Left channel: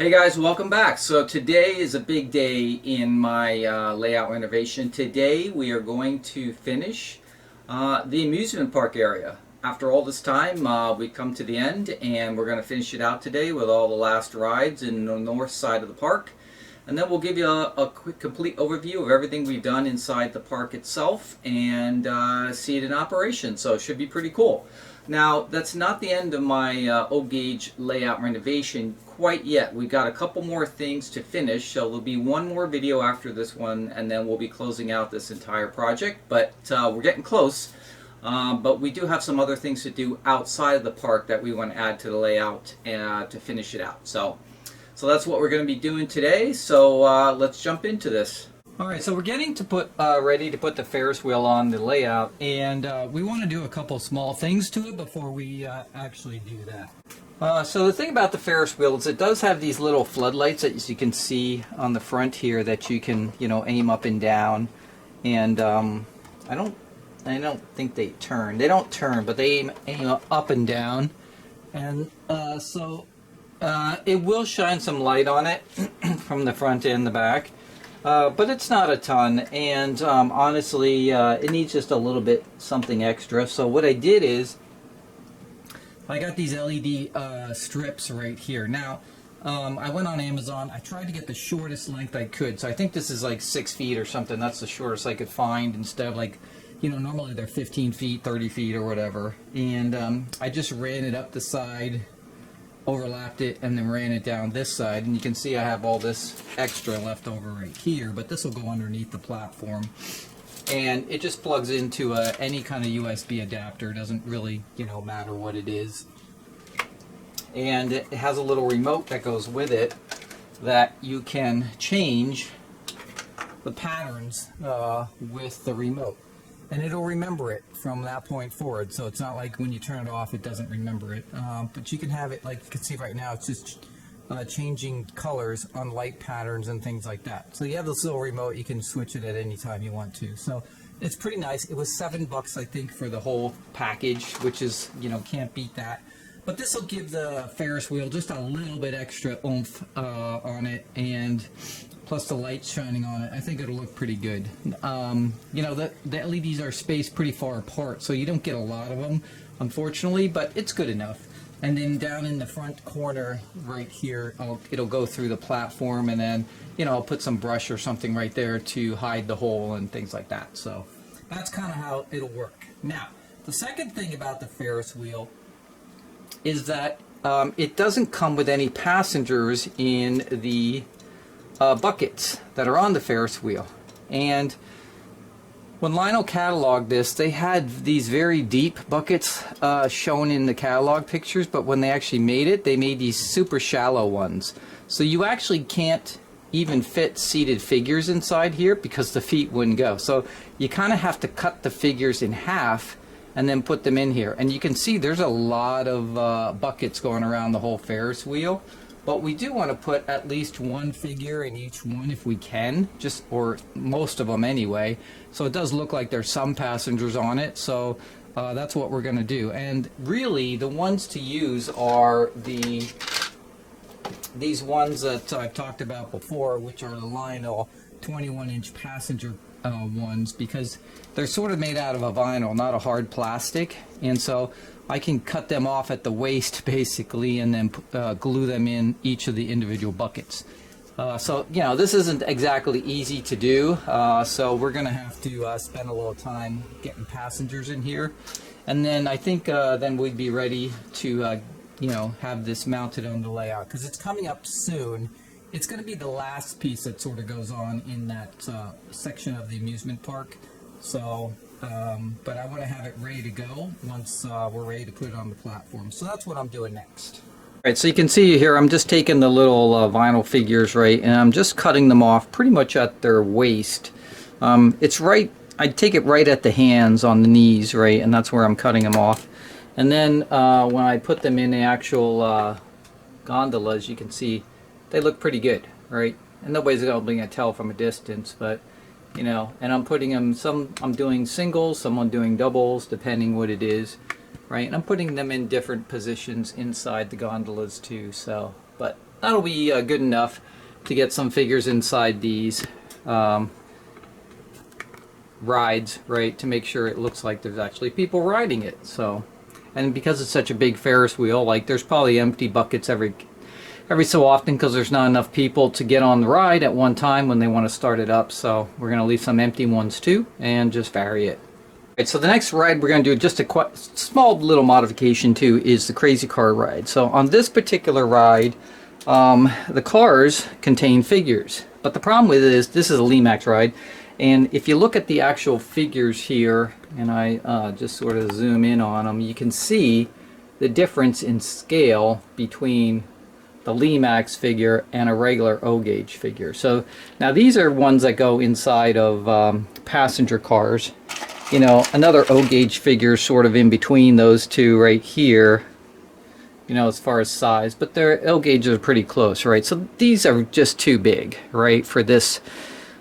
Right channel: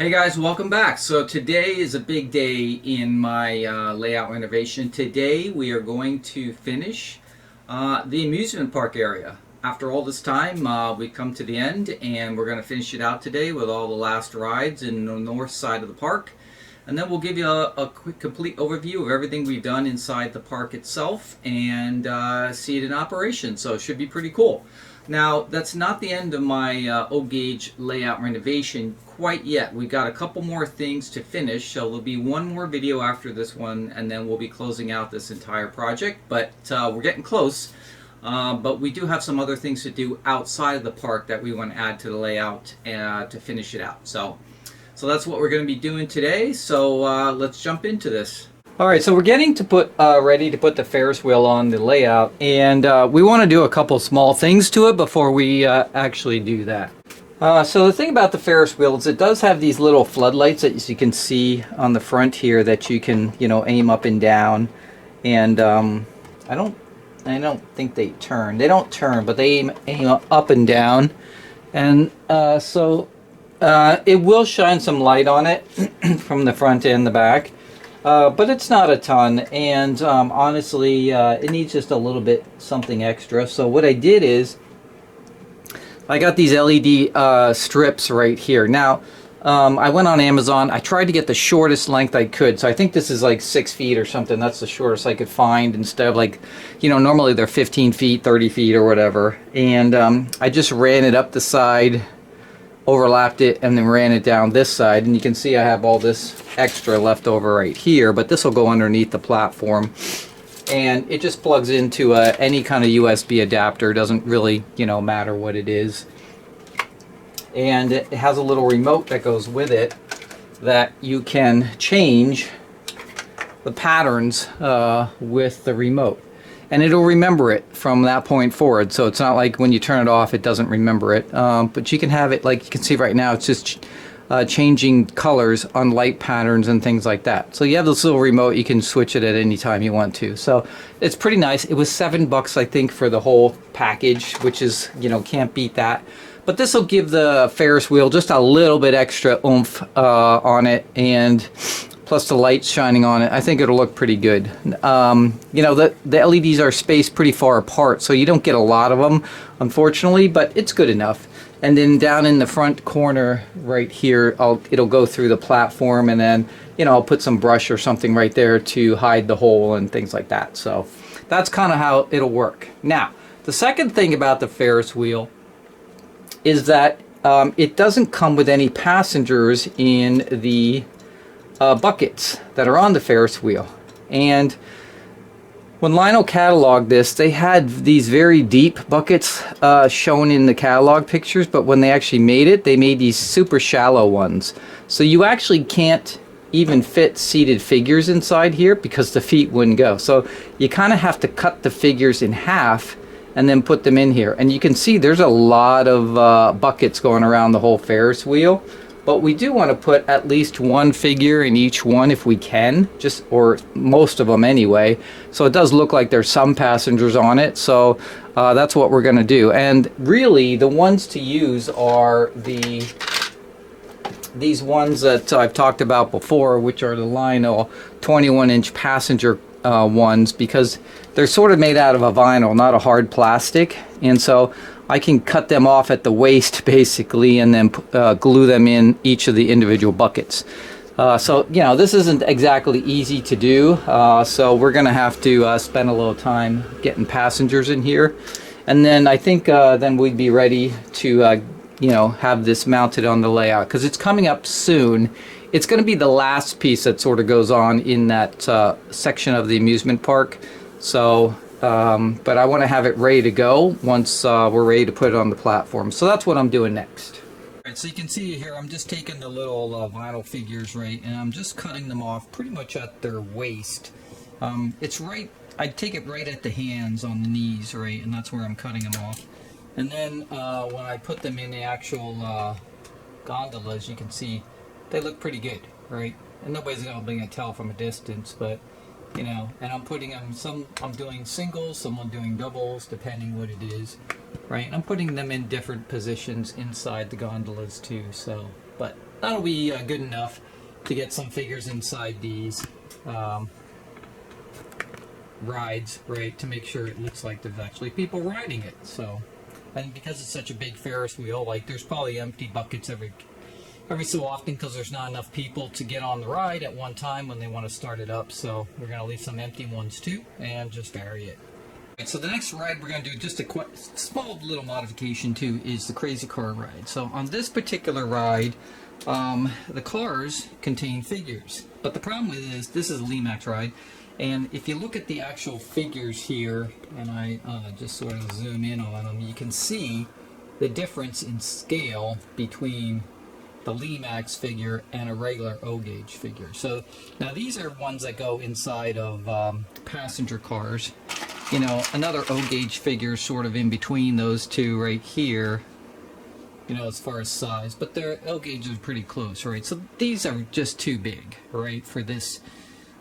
Hey guys, welcome back. So today is a big day in my layout renovation. Today we are going to finish the amusement park area. After all this time, we come to the end and we're going to finish it out today with all the last rides in the north side of the park. And then we'll give you a quick, complete overview of everything we've done inside the park itself and see it in operation. So it should be pretty cool. Now, that's not the end of my O-gauge layout renovation quite yet. We've got a couple more things to finish, so there'll be one more video after this one, and then we'll be closing out this entire project. But we're getting close. But we do have some other things to do outside of the park that we want to add to the layout to finish it out. So that's what we're going to be doing today. So let's jump into this. All right, so we're getting to put ready to put the Ferris wheel on the layout, and we want to do a couple small things to it before we actually do that. So the thing about the Ferris wheel is it does have these little floodlights that you can see on the front here that you can, aim up and down. And I don't think they turn. They don't turn, but they aim up and down. And so it will shine some light on it from the front and the back. But it's not a ton, and honestly, it needs just a little bit something extra. So what I did is, I got these LED strips right here. Now, I went on Amazon. I tried to get the shortest length I could. So I think this is like 6 feet or something. That's the shortest I could find instead of like, normally they're 15 feet, 30 feet or whatever. And I just ran it up the side, overlapped it, and then ran it down this side, and you can see I have all this extra left over right here, but this will go underneath the platform, and it just plugs into any kind of USB adapter. Doesn't really matter what it is, and it has a little remote that goes with it that you can change the patterns with the remote. And it'll remember it from that point forward. So it's not like when you turn it off, it doesn't remember it. But you can have it, like you can see right now, it's just changing colors on light patterns and things like that. So you have this little remote, you can switch it at any time you want to. So it's pretty nice. It was $7, I think, for the whole package, which is, can't beat that. But this will give the Ferris wheel just a little bit extra oomph on it, and plus the lights shining on it. I think it'll look pretty good. The LEDs are spaced pretty far apart, so you don't get a lot of them, unfortunately, but it's good enough. And then down in the front corner right here, it'll go through the platform, and then, I'll put some brush or something right there to hide the hole and things like that. So that's kind of how it'll work. Now, the second thing about the Ferris wheel is that it doesn't come with any passengers in the buckets that are on the Ferris wheel. And when Lionel cataloged this, they had these very deep buckets shown in the catalog pictures, but when they actually made it, they made these super shallow ones. So you actually can't even fit seated figures inside here because the feet wouldn't go. So you kind of have to cut the figures in half and then put them in here. And you can see there's a lot of buckets going around the whole Ferris wheel. But we do want to put at least one figure in each one if we can, or most of them anyway. So it does look like there's some passengers on it. So that's what we're going to do. And really, the ones to use are these ones that I've talked about before, which are the Lionel 21-inch passenger ones, because they're sort of made out of a vinyl, not a hard plastic. And so I can cut them off at the waist basically, and then glue them in each of the individual buckets. So this isn't exactly easy to do, so we're gonna have to spend a little time getting passengers in here, and then I think then we'd be ready to have this mounted on the layout, because it's coming up soon. It's going to be the last piece that sort of goes on in that section of the amusement park. So but I want to have it ready to go once we're ready to put it on the platform. So that's what I'm doing next. All right, so you can see here, I'm just taking the little vinyl figures, right, and I'm just cutting them off pretty much at their waist. It's right, I take it right at the hands on the knees, right, and that's where I'm cutting them off. And then when I put them in the actual gondolas, you can see they look pretty good, right? And nobody's going to be able to tell from a distance, but you know, and I'm putting them, some I'm doing singles, some I'm doing doubles, depending what it is, right? And I'm putting them in different positions inside the gondolas too, so, but that'll be good enough to get some figures inside these rides, right, to make sure it looks like there's actually people riding it. So, and because it's such a big Ferris wheel, like there's probably empty buckets every so often because there's not enough people to get on the ride at one time when they want to start it up. So we're going to leave some empty ones too and just vary it. Right, so the next ride we're going to do, just a small little modification too, is the crazy car ride. So on this particular ride, the cars contain figures, but the problem with it is this is a Limax ride, and if you look at the actual figures here, and I just sort of zoom in on them, you can see the difference in scale between the Limax figure and a regular O-gauge figure. So now these are ones that go inside of passenger cars. You know, another O-gauge figure sort of in between those two right here, you know, as far as size, but their O-gauges are pretty close, right? So these are just too big, right, for this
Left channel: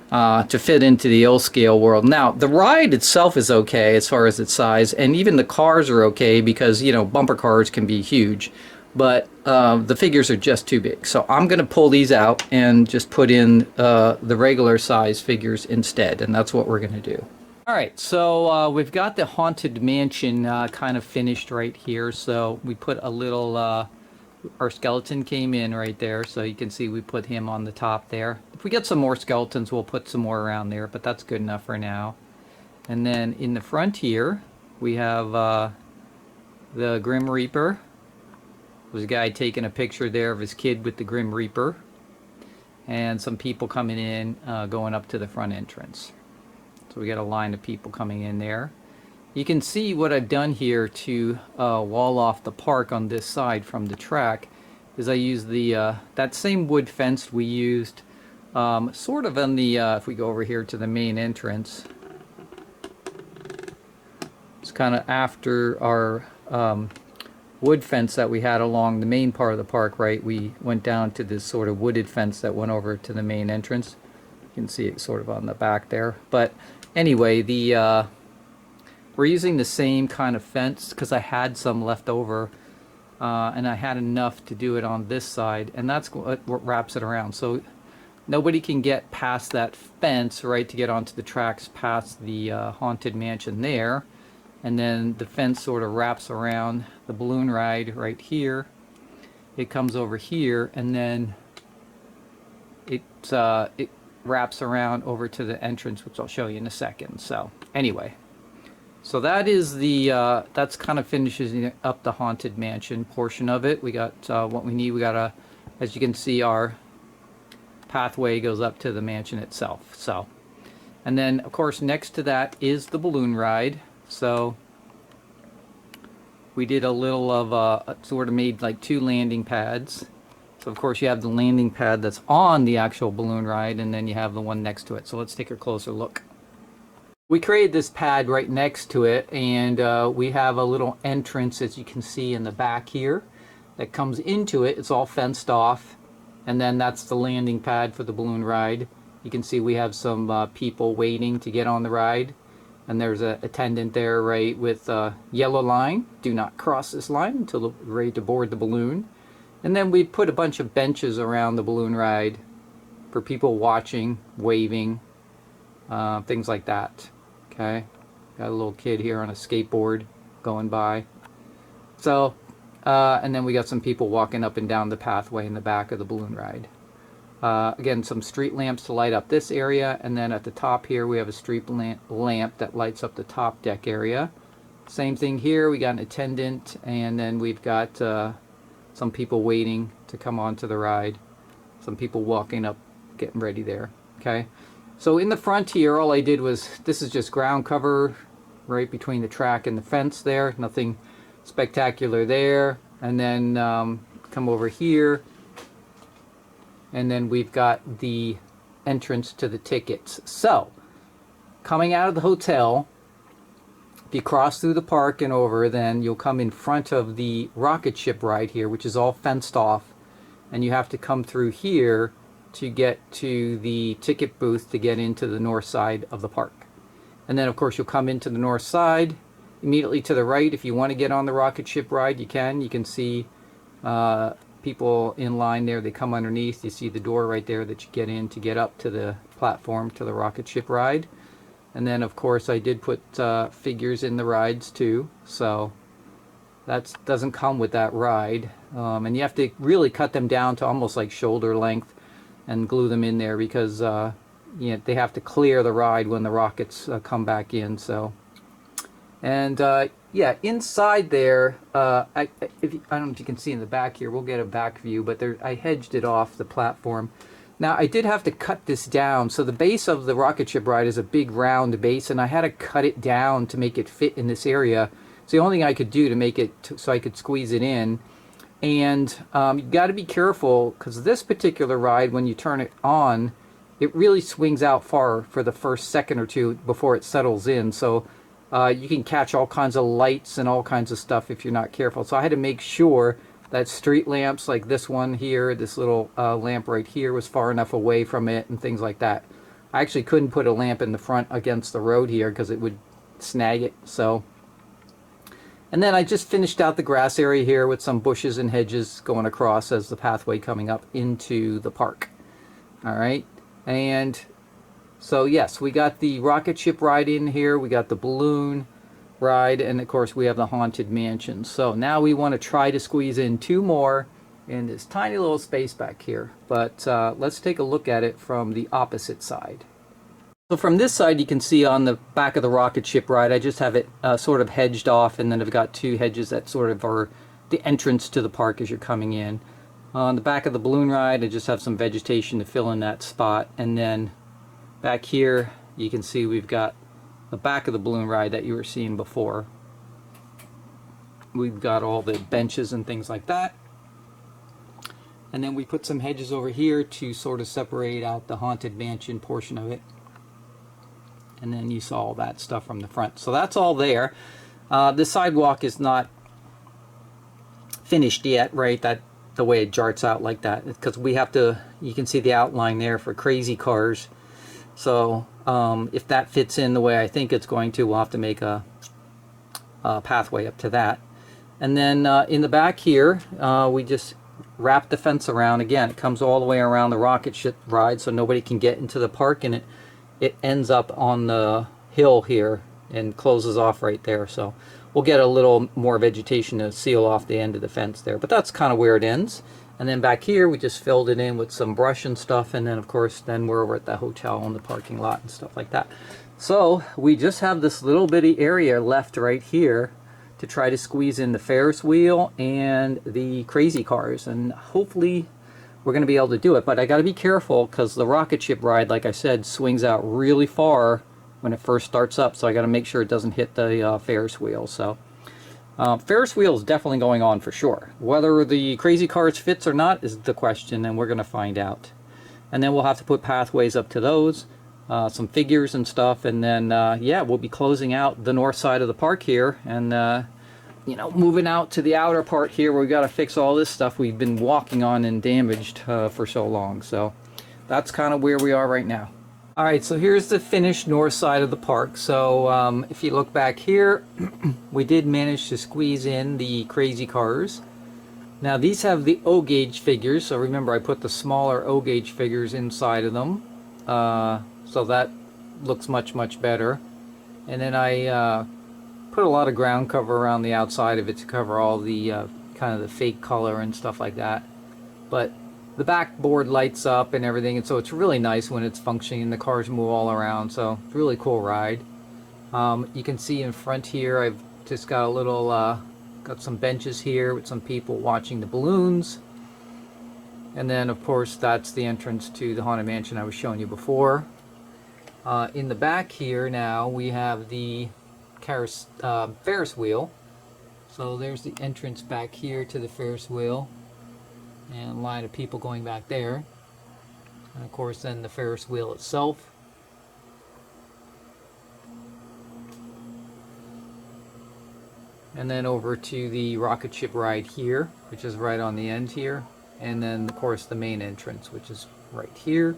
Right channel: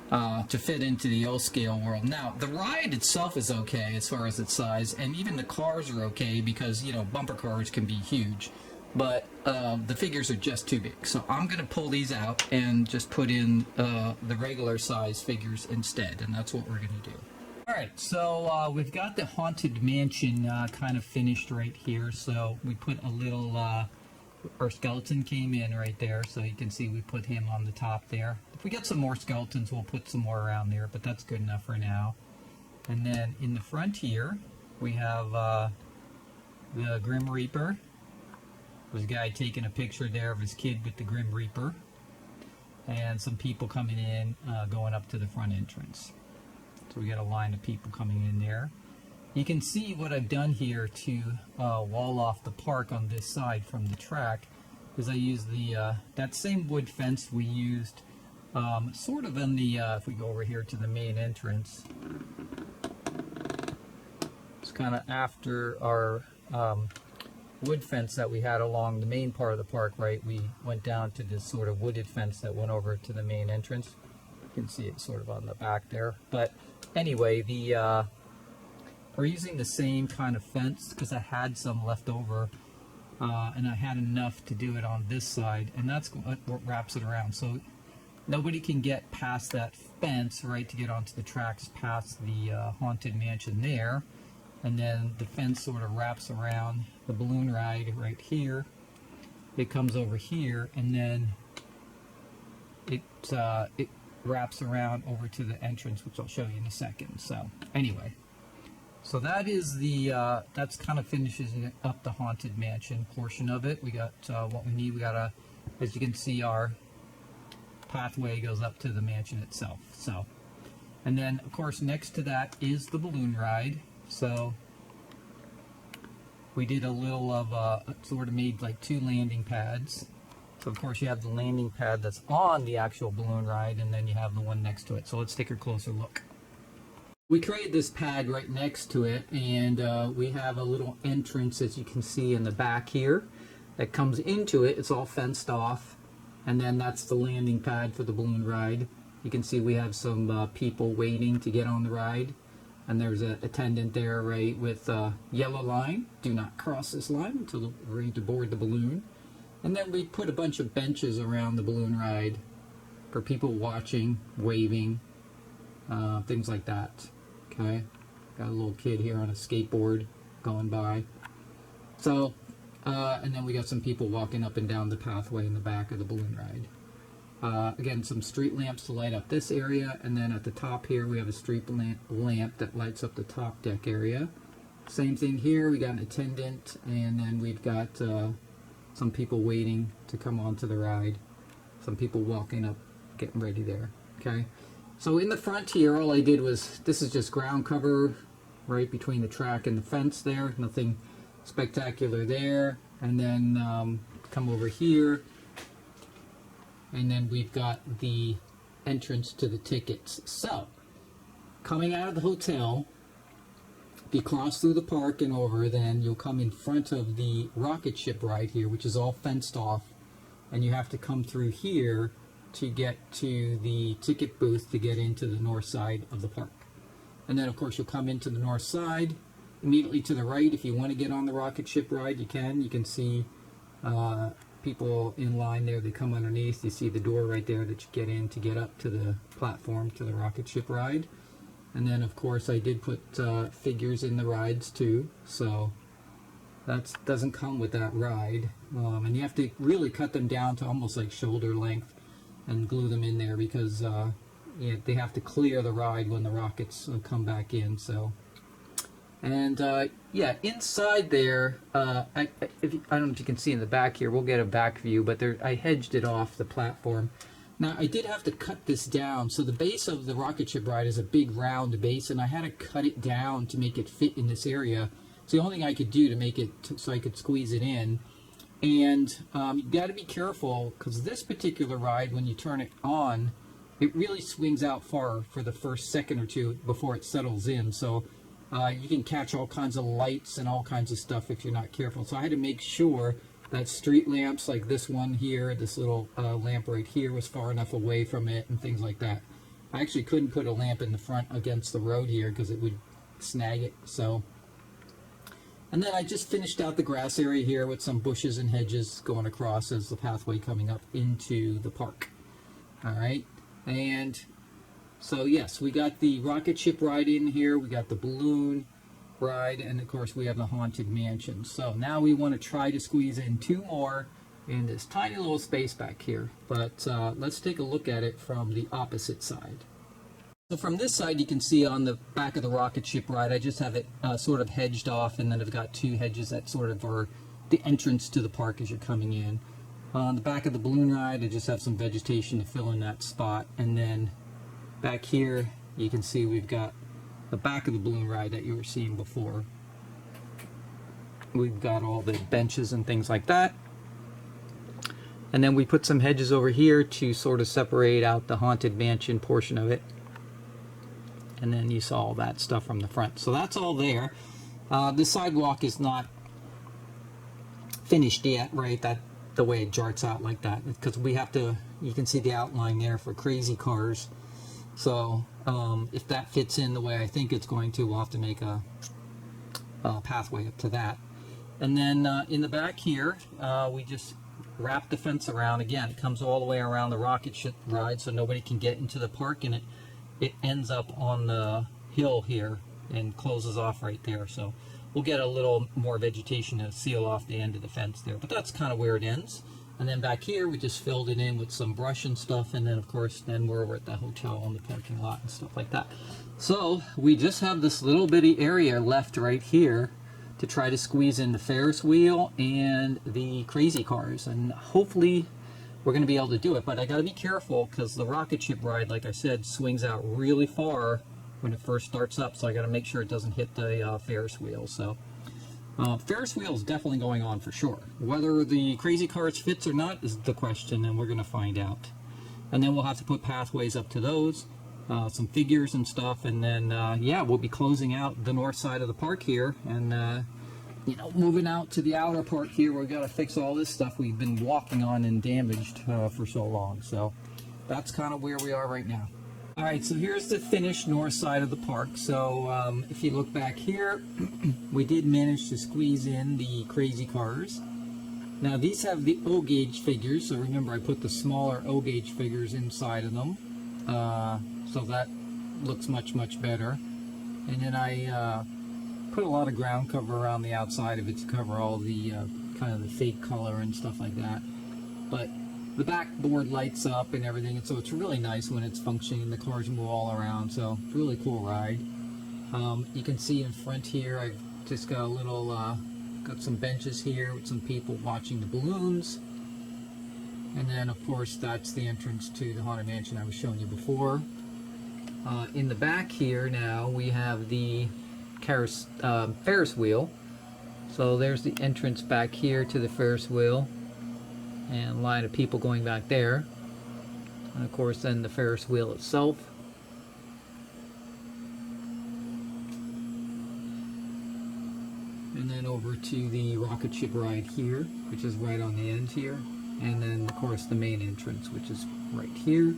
to fit into the O-scale world. Now, the ride itself is okay as far as its size, and even the cars are okay because, you know, bumper cars can be huge, but the figures are just too big. So I'm going to pull these out and just put in the regular size figures instead, and that's what we're going to do. Alright, so we've got the Haunted Mansion kind of finished right here, so we put a little, our skeleton came in right there, so you can see we put him on the top there. If we get some more skeletons, we'll put some more around there, but that's good enough for now. And then in the front here, we have the Grim Reaper. There's a guy taking a picture there of his kid with the Grim Reaper. And some people coming in, going up to the front entrance. So we got a line of people coming in there. You can see what I've done here to wall off the park on this side from the track is I used the that same wood fence we used sort of on the, if we go over here to the main entrance, it's kind of after our wood fence that we had along the main part of the park, right? We went down to this sort of wooded fence that went over to the main entrance. You can see it sort of on the back there. But anyway, the we're using the same kind of fence because I had some left over and I had enough to do it on this side, and that's what wraps it around. So nobody can get past that fence, right, to get onto the tracks past the Haunted Mansion there. And then the fence sort of wraps around the balloon ride right here. It comes over here, and then it wraps around over to the entrance, which I'll show you in a second. So anyway, so that is the that's kind of finishes up the Haunted Mansion portion of it. We got what we need. We got as you can see, our pathway goes up to the mansion itself. So, and then of course next to that is the balloon ride. So we did a little of sort of made like two landing pads. So of course you have the landing pad that's on the actual balloon ride, and then you have the one next to it. So let's take a closer look. We created this pad right next to it, and we have a little entrance, as you can see in the back here, that comes into it. It's all fenced off, and then that's the landing pad for the balloon ride. You can see we have some people waiting to get on the ride, and there's an attendant there, right, with a yellow line. Do not cross this line until we're ready to board the balloon. And then we put a bunch of benches around the balloon ride for people watching, waving, things like that. Okay, got a little kid here on a skateboard going by. So, and then we got some people walking up and down the pathway in the back of the balloon ride. Again, some street lamps to light up this area, and then at the top here we have a street lamp that lights up the top deck area. Same thing here, we got an attendant, and then we've got some people waiting to come onto the ride. Some people walking up, getting ready there. Okay, so in the front here, all I did was, this is just ground cover right between the track and the fence there. Nothing spectacular there. And then come over here, and then we've got the entrance to the tickets. So coming out of the hotel, if you cross through the park and over, then you'll come in front of the rocket ship ride here, which is all fenced off, and you have to come through here to get to the ticket booth to get into the north side of the park. And then of course you'll come into the north side. Immediately to the right, if you want to get on the rocket ship ride, you can. You can see people in line there. They come underneath. You see the door right there that you get in to get up to the platform to the rocket ship ride. And then of course I did put figures in the rides too, so that doesn't come with that ride. And you have to really cut them down to almost like shoulder length and glue them in there, because they have to clear the ride when the rockets come back in. So, and yeah, inside there, I don't know if you can see in the back here. We'll get a back view, but I hedged it off the platform. Now I did have to cut this down. So the base of the rocket ship ride is a big round base, and I had to cut it down to make it fit in this area. It's the only thing I could do to make it so I could squeeze it in. And you got to be careful, because this particular ride, when you turn it on, it really swings out far for the first second or two before it settles in. So you can catch all kinds of lights and all kinds of stuff if you're not careful. So I had to make sure that street lamps like this one here, this little lamp right here, was far enough away from it and things like that. I actually couldn't put a lamp in the front against the road here because it would snag it. So, and then I just finished out the grass area here with some bushes and hedges going across as the pathway coming up into the park. All right, and so yes, we got the rocket ship ride in here, we got the balloon ride, and of course we have the haunted mansion. So now we want to try to squeeze in 2 more in this tiny little space back here, but let's take a look at it from the opposite side. So from this side, you can see on the back of the rocket ship ride, I just have it sort of hedged off, and then I've got 2 hedges that sort of are the entrance to the park as you're coming in. On the back of the balloon ride, I just have some vegetation to fill in that spot, and then back here you can see we've got the back of the balloon ride that you were seeing before. We've got all the benches and things like that, and then we put some hedges over here to sort of separate out the haunted mansion portion of it. And then you saw all that stuff from the front. So that's all there. The sidewalk is not finished yet, right? That the way it jarts out like that, because we have to, you can see the outline there for crazy cars. So if that fits in the way I think it's going to, we'll have to make a pathway up to that. And then in the back here, we just wrap the fence around. Again, it comes all the way around the rocket ship ride so nobody can get into the park, and it ends up on the hill here and closes off right there. So we'll get a little more vegetation to seal off the end of the fence there, but that's kind of where it ends. And then back here we just filled it in with some brush and stuff, and then of course then we're over at the hotel in the parking lot and stuff like that. So we just have this little bitty area left right here to try to squeeze in the Ferris wheel and the crazy cars, and hopefully we're going to be able to do it. But I got to be careful because the rocket ship ride, like I said, swings out really far when it first starts up, so I got to make sure it doesn't hit the Ferris wheel. So Ferris wheel is definitely going on for sure. Whether the crazy cars fits or not is the question, and we're going to find out. And then we'll have to put pathways up to those, some figures and stuff, and then yeah, we'll be closing out the north side of the park here, and you know, moving out to the outer part here where we got to fix all this stuff we've been walking on and damaged for so long. So that's kind of where we are right now. All right, so here's the finished north side of the park. So if you look back here, we did manage to squeeze in the crazy cars. Now these have the O gauge figures, so remember I put the smaller O gauge figures inside of them, so that looks much better. And then I put a lot of ground cover around the outside of it to cover all the kind of the fake color and stuff like that. But the backboard lights up and everything, and so it's really nice when it's functioning and the cars move all around. So it's a really cool ride. You can see in front here I've just got a little got some benches here with some people watching the balloons, and then of course that's the entrance to the haunted mansion I was showing you before. In the back here now we have the Ferris wheel. So there's the entrance back here to the Ferris wheel, and a line of people going back there, and of course then the Ferris wheel itself. And then over to the rocket ship ride here, which is right on the end here. and then of course the main entrance, which is right here.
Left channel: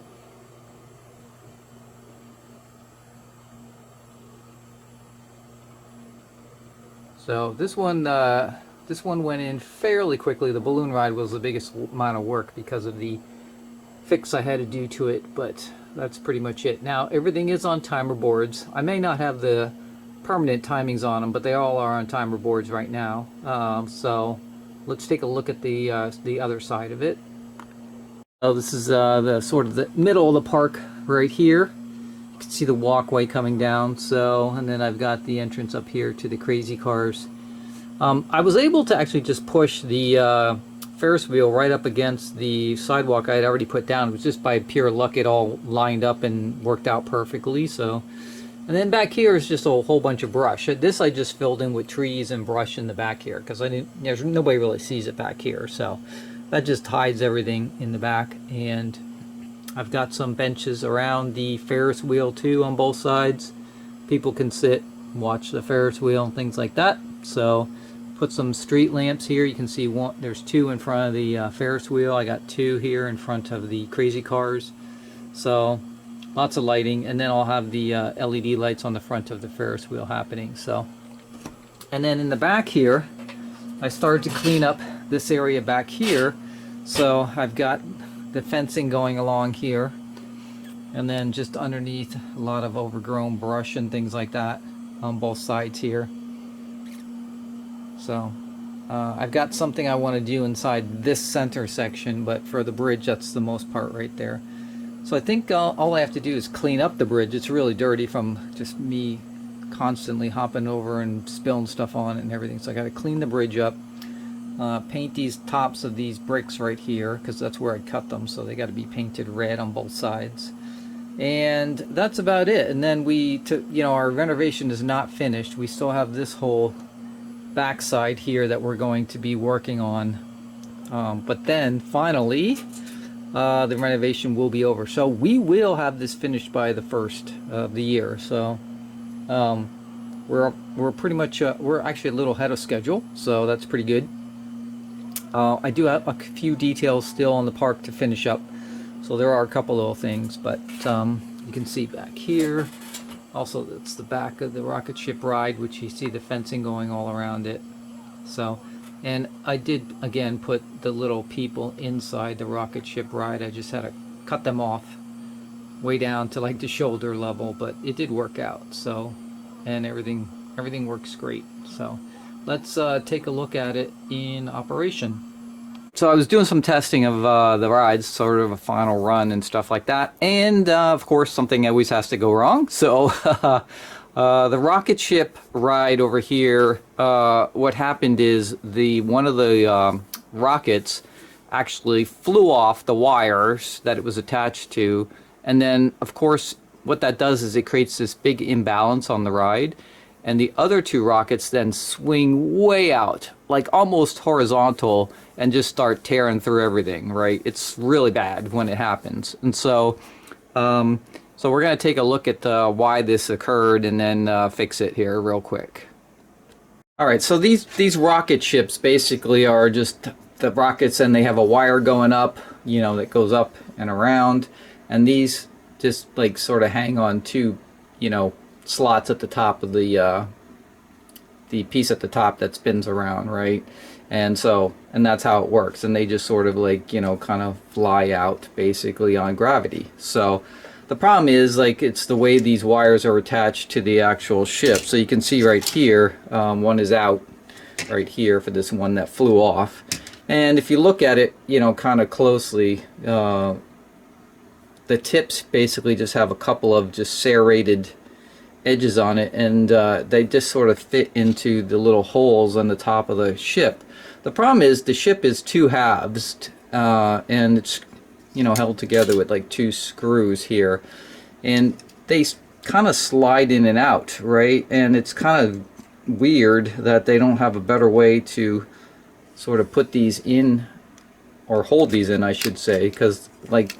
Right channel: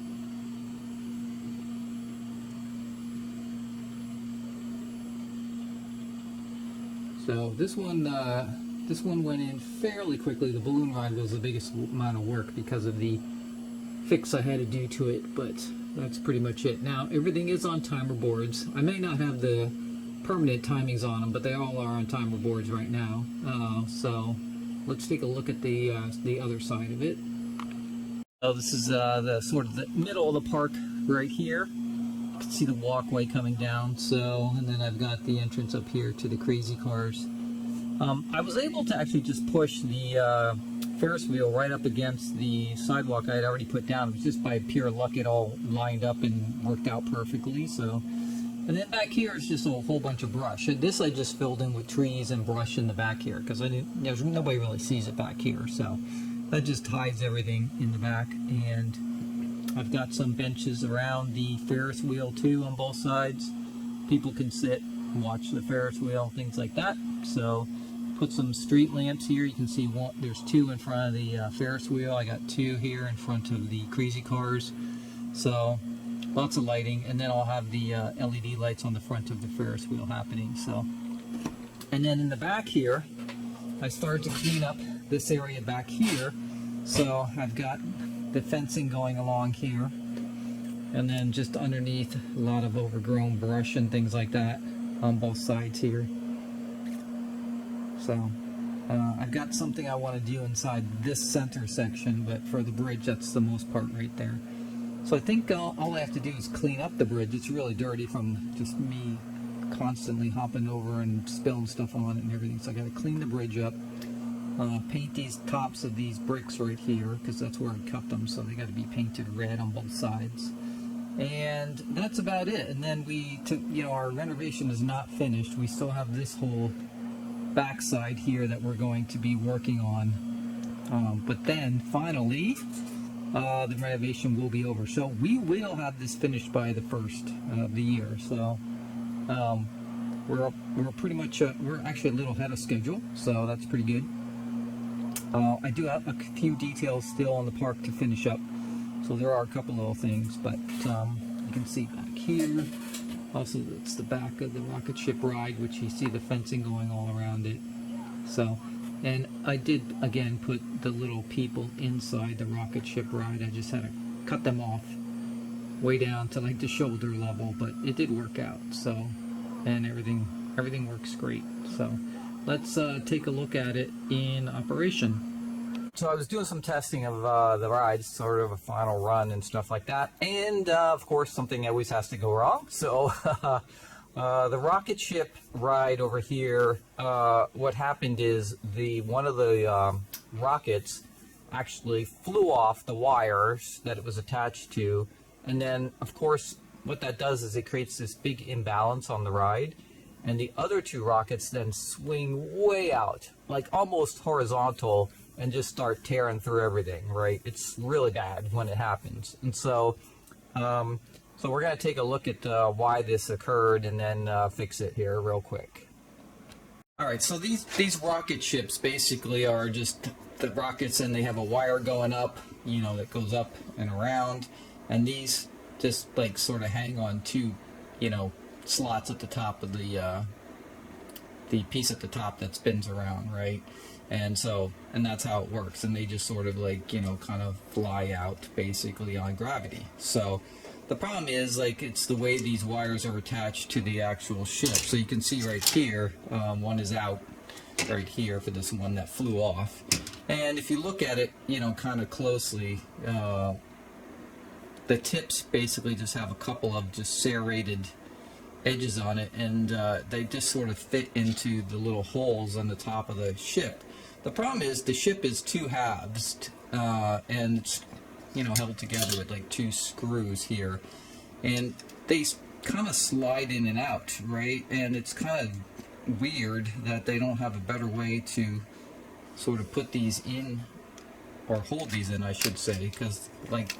So this one went in fairly quickly. The balloon ride was the biggest amount of work because of the fix I had to do to it, but that's pretty much it. Now everything is on timer boards. I may not have the permanent timings on them, but they all are on timer boards right now. So let's take a look at the other side of it. So this is the sort of the middle of the park right here. You can see the walkway coming down. So, and then I've got the entrance up here to the crazy cars. I was able to actually just push the Ferris wheel right up against the sidewalk I had already put down. It was just by pure luck it all lined up and worked out perfectly. So, and then back here is just a whole bunch of brush. This I just filled in with trees and brush in the back here because nobody really sees it back here. So that just hides everything in the back. And I've got some benches around the Ferris wheel too on both sides. People can sit and watch the Ferris wheel and things like that. So put some street lamps here. You can see there's two in front of the Ferris wheel. I got two here in front of the crazy cars. So lots of lighting, and then I'll have the LED lights on the front of the Ferris wheel happening. So, and then in the back here, I started to clean up this area back here. So I've got the fencing going along here, and then just underneath a lot of overgrown brush and things like that on both sides here. So I've got something I want to do inside this center section, but for the bridge, that's the most part right there. So I think all I have to do is clean up the bridge. It's really dirty from just me constantly hopping over and spilling stuff on it and everything. So I got to clean the bridge up, paint these tops of these bricks right here because that's where I cut them. So they got to be painted red on both sides. And that's about it. And then our renovation is not finished. We still have this whole backside here that we're going to be working on. But then finally, the renovation will be over. So we will have this finished by the first of the year. So we're pretty much we're actually a little ahead of schedule. So that's pretty good. I do have a few details still on the park to finish up. So there are a couple little things, but you can see back here. Also, that's the back of the rocket ship ride, which you see the fencing going all around it. So, and I did again put the little people inside the rocket ship ride. I just had to cut them off way down to like the shoulder level, but it did work out. So, and everything works great. So let's take a look at it in operation. So I was doing some testing of the rides, sort of a final run and stuff like that, and of course something always has to go wrong. So the rocket ship ride over here, what happened is one of the rockets actually flew off the wires that it was attached to, and then of course what that does is it creates this big imbalance on the ride, and the other two rockets then swing way out, like almost horizontal, and just start tearing through everything, right? It's really bad when it happens. And so so we're going to take a look at why this occurred and then fix it here real quick. All right, so these rocket ships basically are just the rockets, and they have a wire going up, that goes up and around, and these just like sort of hang on two, slots at the top of the piece at the top that spins around, right? And that's how it works, and they just sort of like kind of fly out basically on gravity. So the problem is it's the way these wires are attached to the actual ship. So you can see right here, one is out right here for this one that flew off, and if you look at it kind of closely, the tips basically just have a couple of just serrated edges on it, and they just sort of fit into the little holes on the top of the ship. The problem is the ship is two halves, and it's held together with like two screws here, and they kind of slide in and out, right? And it's kind of weird that they don't have a better way to sort of put these in, or hold these in I should say, because like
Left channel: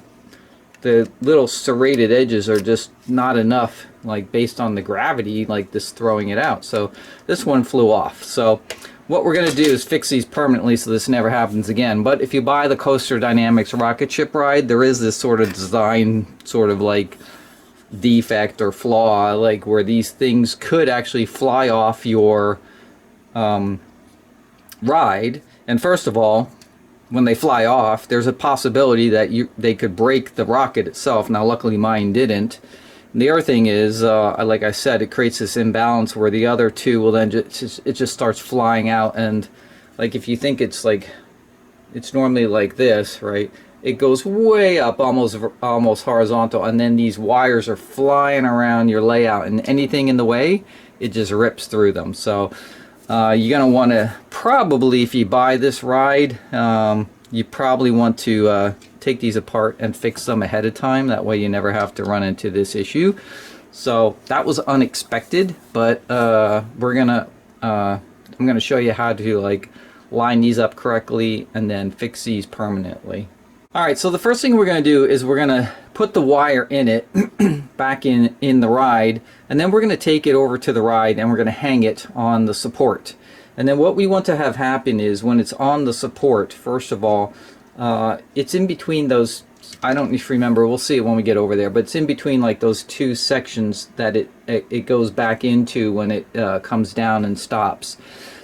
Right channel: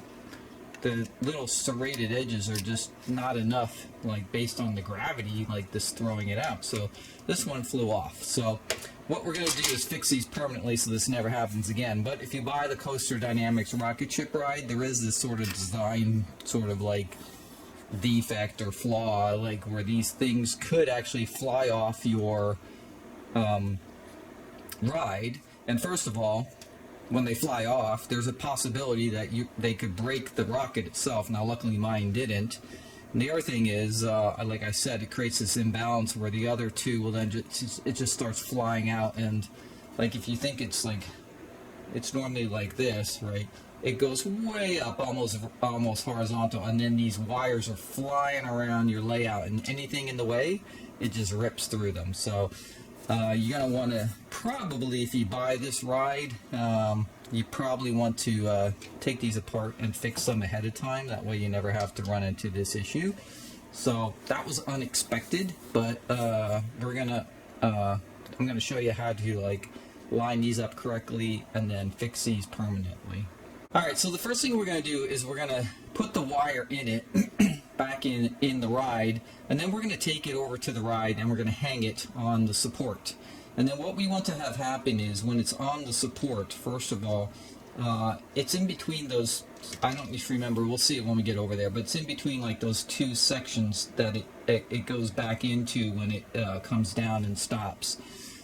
the little serrated edges are just not enough, like based on the gravity, like this throwing it out. So this one flew off. So what we're going to do is fix these permanently so this never happens again. But if you buy the Coaster Dynamics rocket ship ride, there is this sort of design sort of like defect or flaw, like where these things could actually fly off your ride. And first of all, when they fly off, there's a possibility that they could break the rocket itself. Now luckily mine didn't. And the other thing is, like I said, it creates this imbalance where the other two will then just starts flying out. And like if you think it's normally like this, right? It goes way up, almost horizontal, and then these wires are flying around your layout, and anything in the way, it just rips through them. So you're gonna want to probably, if you buy this ride, you probably want to take these apart and fix them ahead of time. That way you never have to run into this issue. So that was unexpected, but I'm gonna show you how to like line these up correctly and then fix these permanently. Alright, so the first thing we're going to do is we're going to put the wire in it, back in the ride, and then we're going to take it over to the ride and we're going to hang it on the support. And then what we want to have happen is when it's on the support, first of all, it's in between those, I don't remember, we'll see it when we get over there, but it's in between like those two sections that it goes back into when it comes down and stops.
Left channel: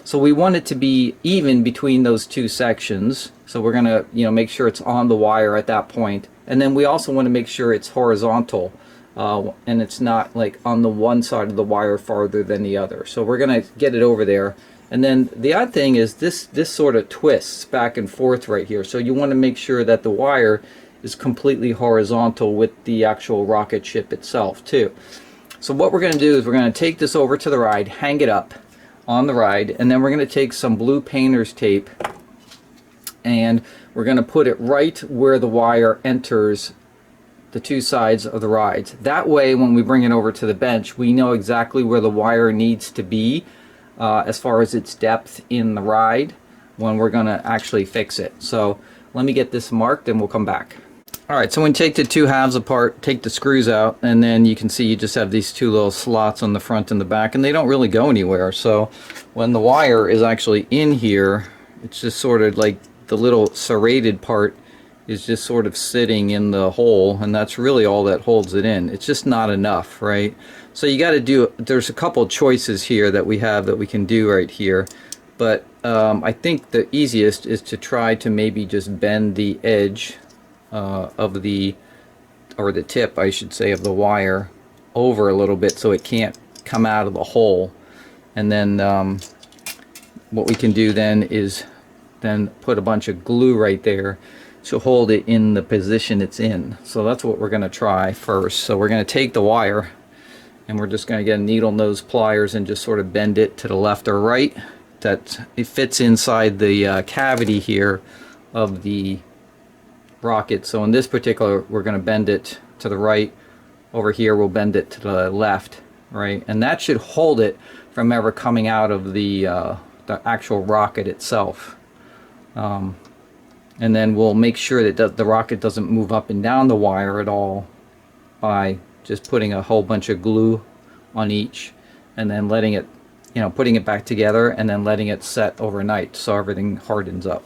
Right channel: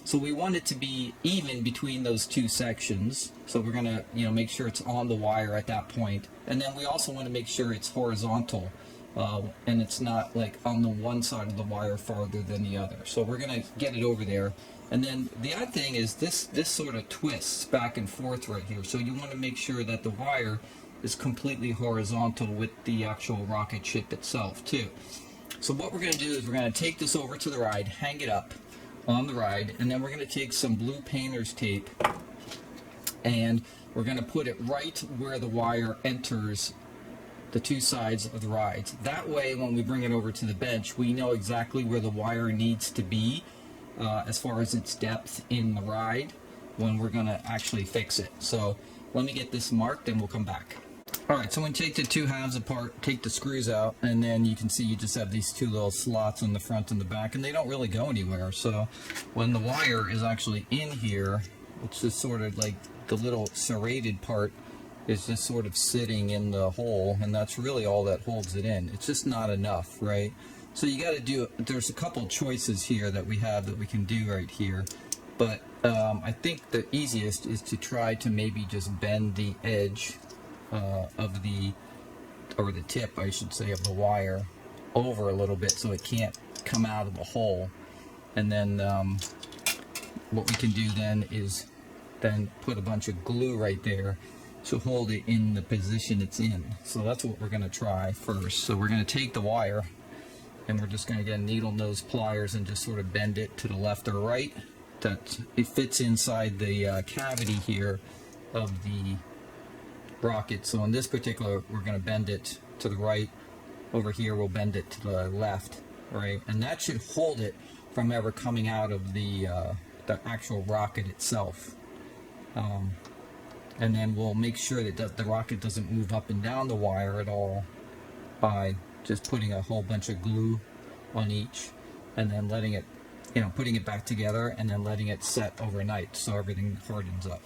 So we want it to be even between those two sections. So we're gonna, make sure it's on the wire at that point. And then we also want to make sure it's horizontal, and it's not like on the one side of the wire farther than the other. So we're gonna get it over there. And then the odd thing is this sort of twists back and forth right here. So you want to make sure that the wire is completely horizontal with the actual rocket ship itself too. So what we're gonna do is we're gonna take this over to the ride, hang it up on the ride, and then we're going to take some blue painter's tape and we're going to put it right where the wire enters the two sides of the rides. That way when we bring it over to the bench, we know exactly where the wire needs to be as far as its depth in the ride when we're going to actually fix it. So let me get this marked and we'll come back. Alright, so when you take the two halves apart, take the screws out, and then you can see you just have these two little slots on the front and the back, and they don't really go anywhere. So when the wire is actually in here, it's just sort of like the little serrated part is just sort of sitting in the hole, and that's really all that holds it in. It's just not enough, right? So you got to do, there's a couple choices here that we have that we can do right here, but I think the easiest is to try to maybe just bend the edge of the tip, I should say, of the wire over a little bit so it can't come out of the hole. And then what we can do then is then put a bunch of glue right there to hold it in the position it's in. So that's what we're going to try first. So we're going to take the wire and we're just going to get needle nose pliers and just sort of bend it to the left or right, that it fits inside the cavity here of the rocket. So in this particular, we're going to bend it to the right. Over here we'll bend it to the left, right? And that should hold it from ever coming out of the actual rocket itself. And then we'll make sure that the rocket doesn't move up and down the wire at all by just putting a whole bunch of glue on each and then letting it, putting it back together and then letting it set overnight so everything hardens up.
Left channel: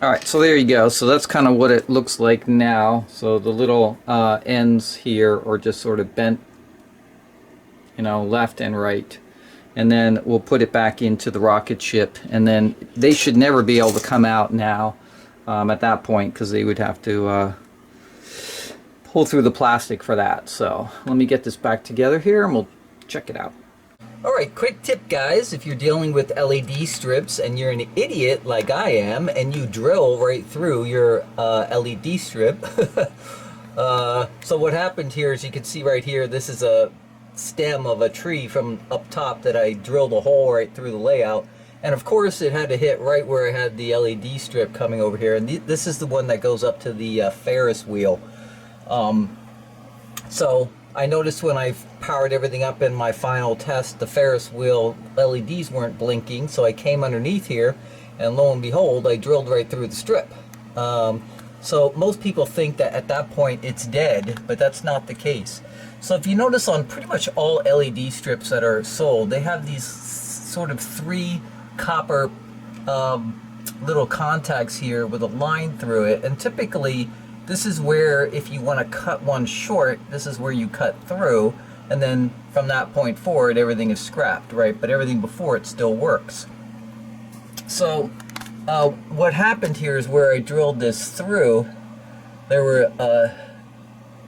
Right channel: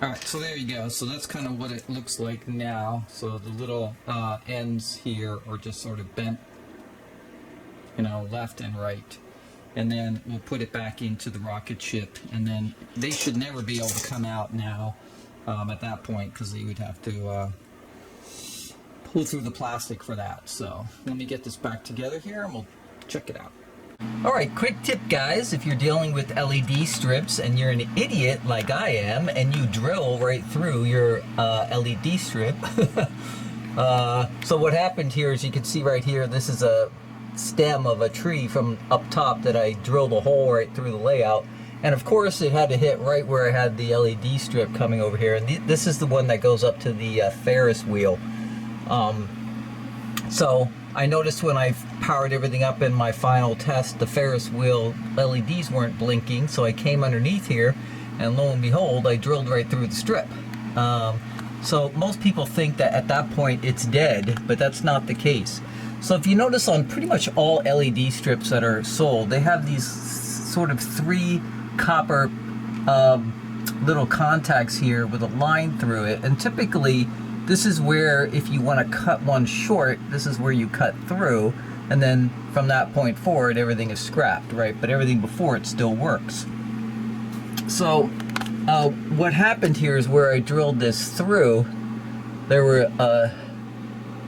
Alright, so there you go. So that's kind of what it looks like now. So the little ends here are just sort of bent, left and right. And then we'll put it back into the rocket ship, and then they should never be able to come out now at that point, because they would have to pull through the plastic for that. So let me get this back together here and we'll check it out. Alright, quick tip guys, if you're dealing with LED strips and you're an idiot like I am and you drill right through your LED strip. So what happened here is, you can see right here, this is a stem of a tree from up top that I drilled a hole right through the layout, and of course it had to hit right where I had the LED strip coming over here, and this is the one that goes up to the Ferris wheel. So I noticed when I powered everything up in my final test, the Ferris wheel LEDs weren't blinking, so I came underneath here and lo and behold, I drilled right through the strip. So most people think that at that point it's dead, but that's not the case. So if you notice on pretty much all LED strips that are sold, they have these sort of 3 copper little contacts here with a line through it, and typically this is where, if you want to cut one short, this is where you cut through, and then from that point forward everything is scrapped, right? But everything before it still works. So what happened here is where I drilled this through, there were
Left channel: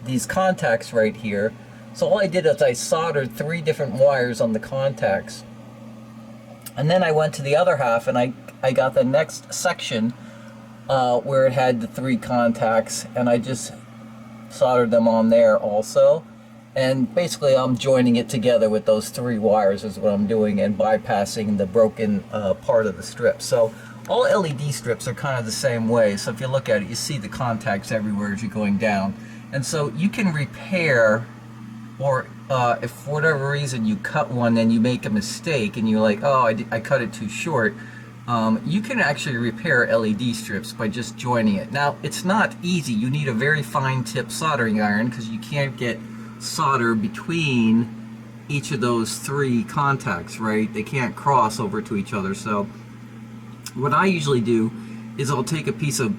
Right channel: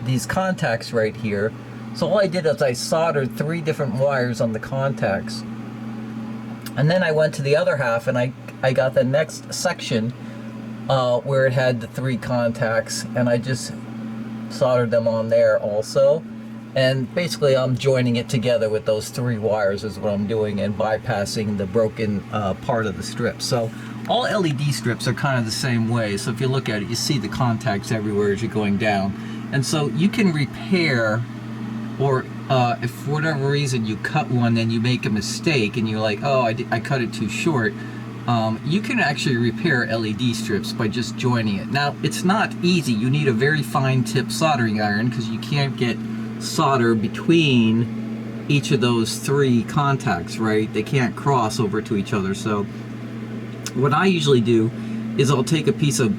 these contacts right here. So all I did is I soldered 3 different wires on the contacts, and then I went to the other half and I got the next section where it had the 3 contacts, and I just soldered them on there also. And basically I'm joining it together with those 3 wires is what I'm doing, and bypassing the broken part of the strip. So all LED strips are kind of the same way. So if you look at it, you see the contacts everywhere as you're going down. And so you can repair, or if for whatever reason you cut one and you make a mistake and you're like, oh, I cut it too short, you can actually repair LED strips by just joining it. Now, it's not easy. You need a very fine tip soldering iron because you can't get solder between each of those 3 contacts, right? They can't cross over to each other. So what I usually do is I'll take a piece of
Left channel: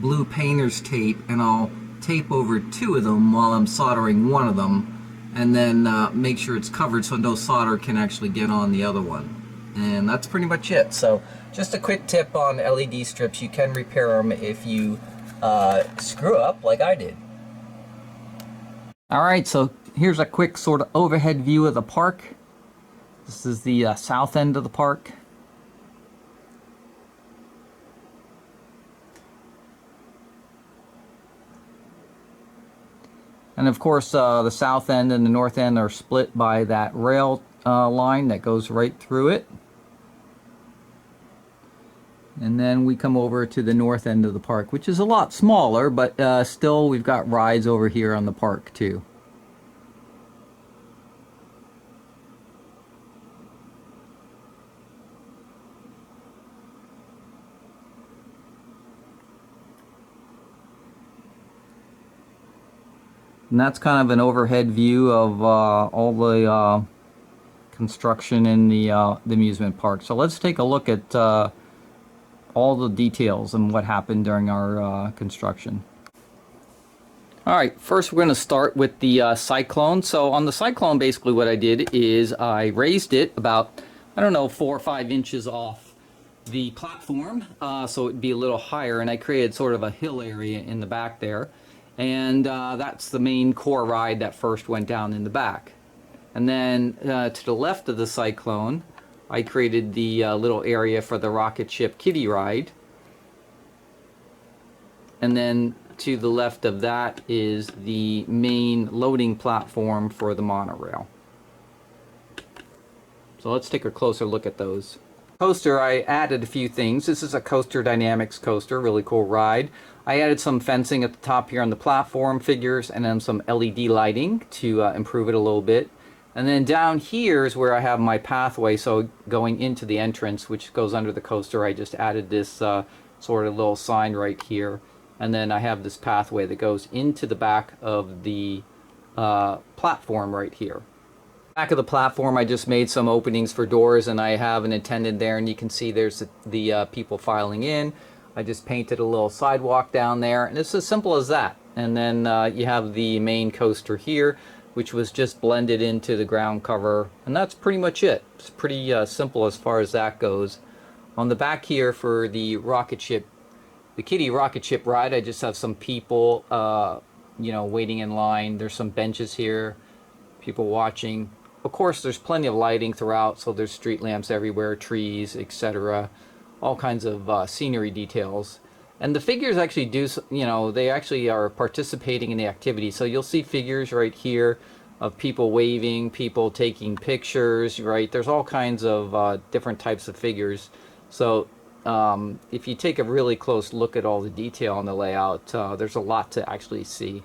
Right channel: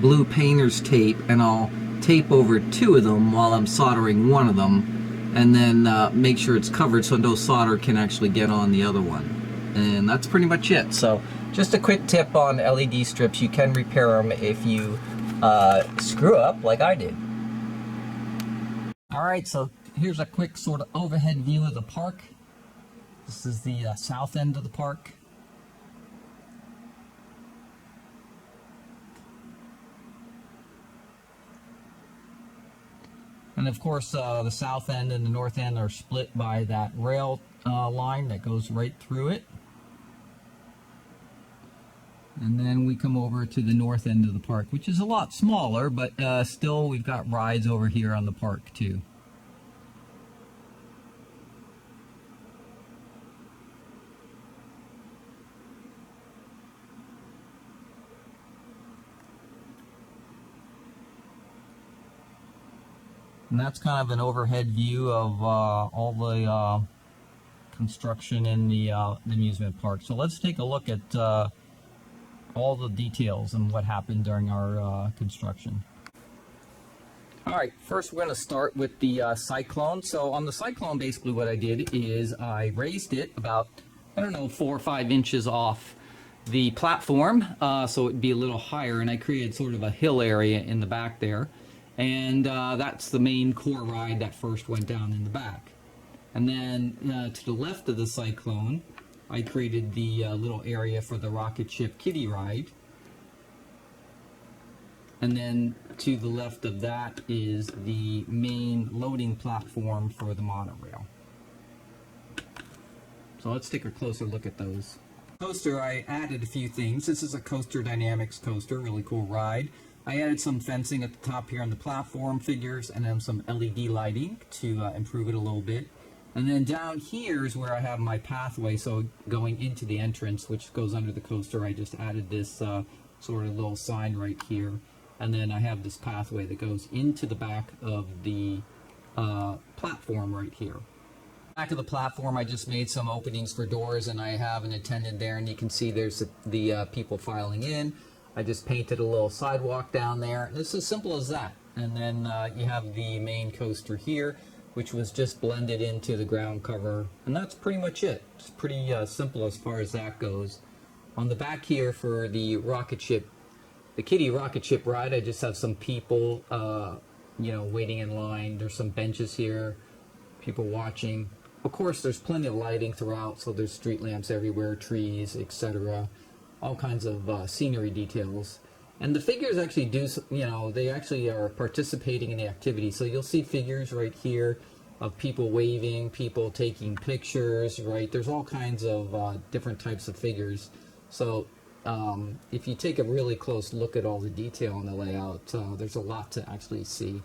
blue painter's tape and I'll tape over 2 of them while I'm soldering one of them, and then make sure it's covered so no solder can actually get on the other one. And that's pretty much it. So just a quick tip on LED strips: you can repair them if you screw up like I did. Alright, so here's a quick sort of overhead view of the park. This is the south end of the park. And of course, the south end and the north end are split by that rail line that goes right through it. And then we come over to the north end of the park, which is a lot smaller, but still we've got rides over here on the park too. And that's kind of an overhead view of all the construction in the amusement park. So let's take a look at all the details and what happened during our construction. Alright, first we're going to start with the Cyclone. So on the Cyclone, basically what I did is I raised it about, I don't know, 4 or 5 inches off the platform, so it'd be a little higher, and I created sort of a hill area in the back there. And that's the main core ride that first went down in the back. And then to the left of the Cyclone, I created the little area for the rocket ship kiddie ride. And then to the left of that is the main loading platform for the monorail. So let's take a closer look at those. Coaster, I added a few things. This is a Coaster Dynamics coaster, really cool ride. I added some fencing at the top here on the platform figures, and then some LED lighting to improve it a little bit. And then down here is where I have my pathway, so going into the entrance, which goes under the coaster, I just added this sort of little sign right here. And then I have this pathway that goes into the back of the platform right here. Back of the platform, I just made some openings for doors, and I have an attendant there, and you can see there's the people filing in. I just painted a little sidewalk down there, and it's as simple as that. And then you have the main coaster here, which was just blended into the ground cover, and that's pretty much it. It's pretty simple as far as that goes. On the back here for the rocket ship, the kiddie rocket ship ride, I just have some people, you know, waiting in line. There's some benches here, people watching. Of course, there's plenty of lighting throughout, so there's street lamps everywhere, trees, etc. All kinds of scenery details. And the figures actually do, you know, they actually are participating in the activity. So you'll see figures right here of people waving, people taking pictures, right? There's all kinds of different types of figures. So if you take a really close look at all the detail on the layout, there's a lot to actually see.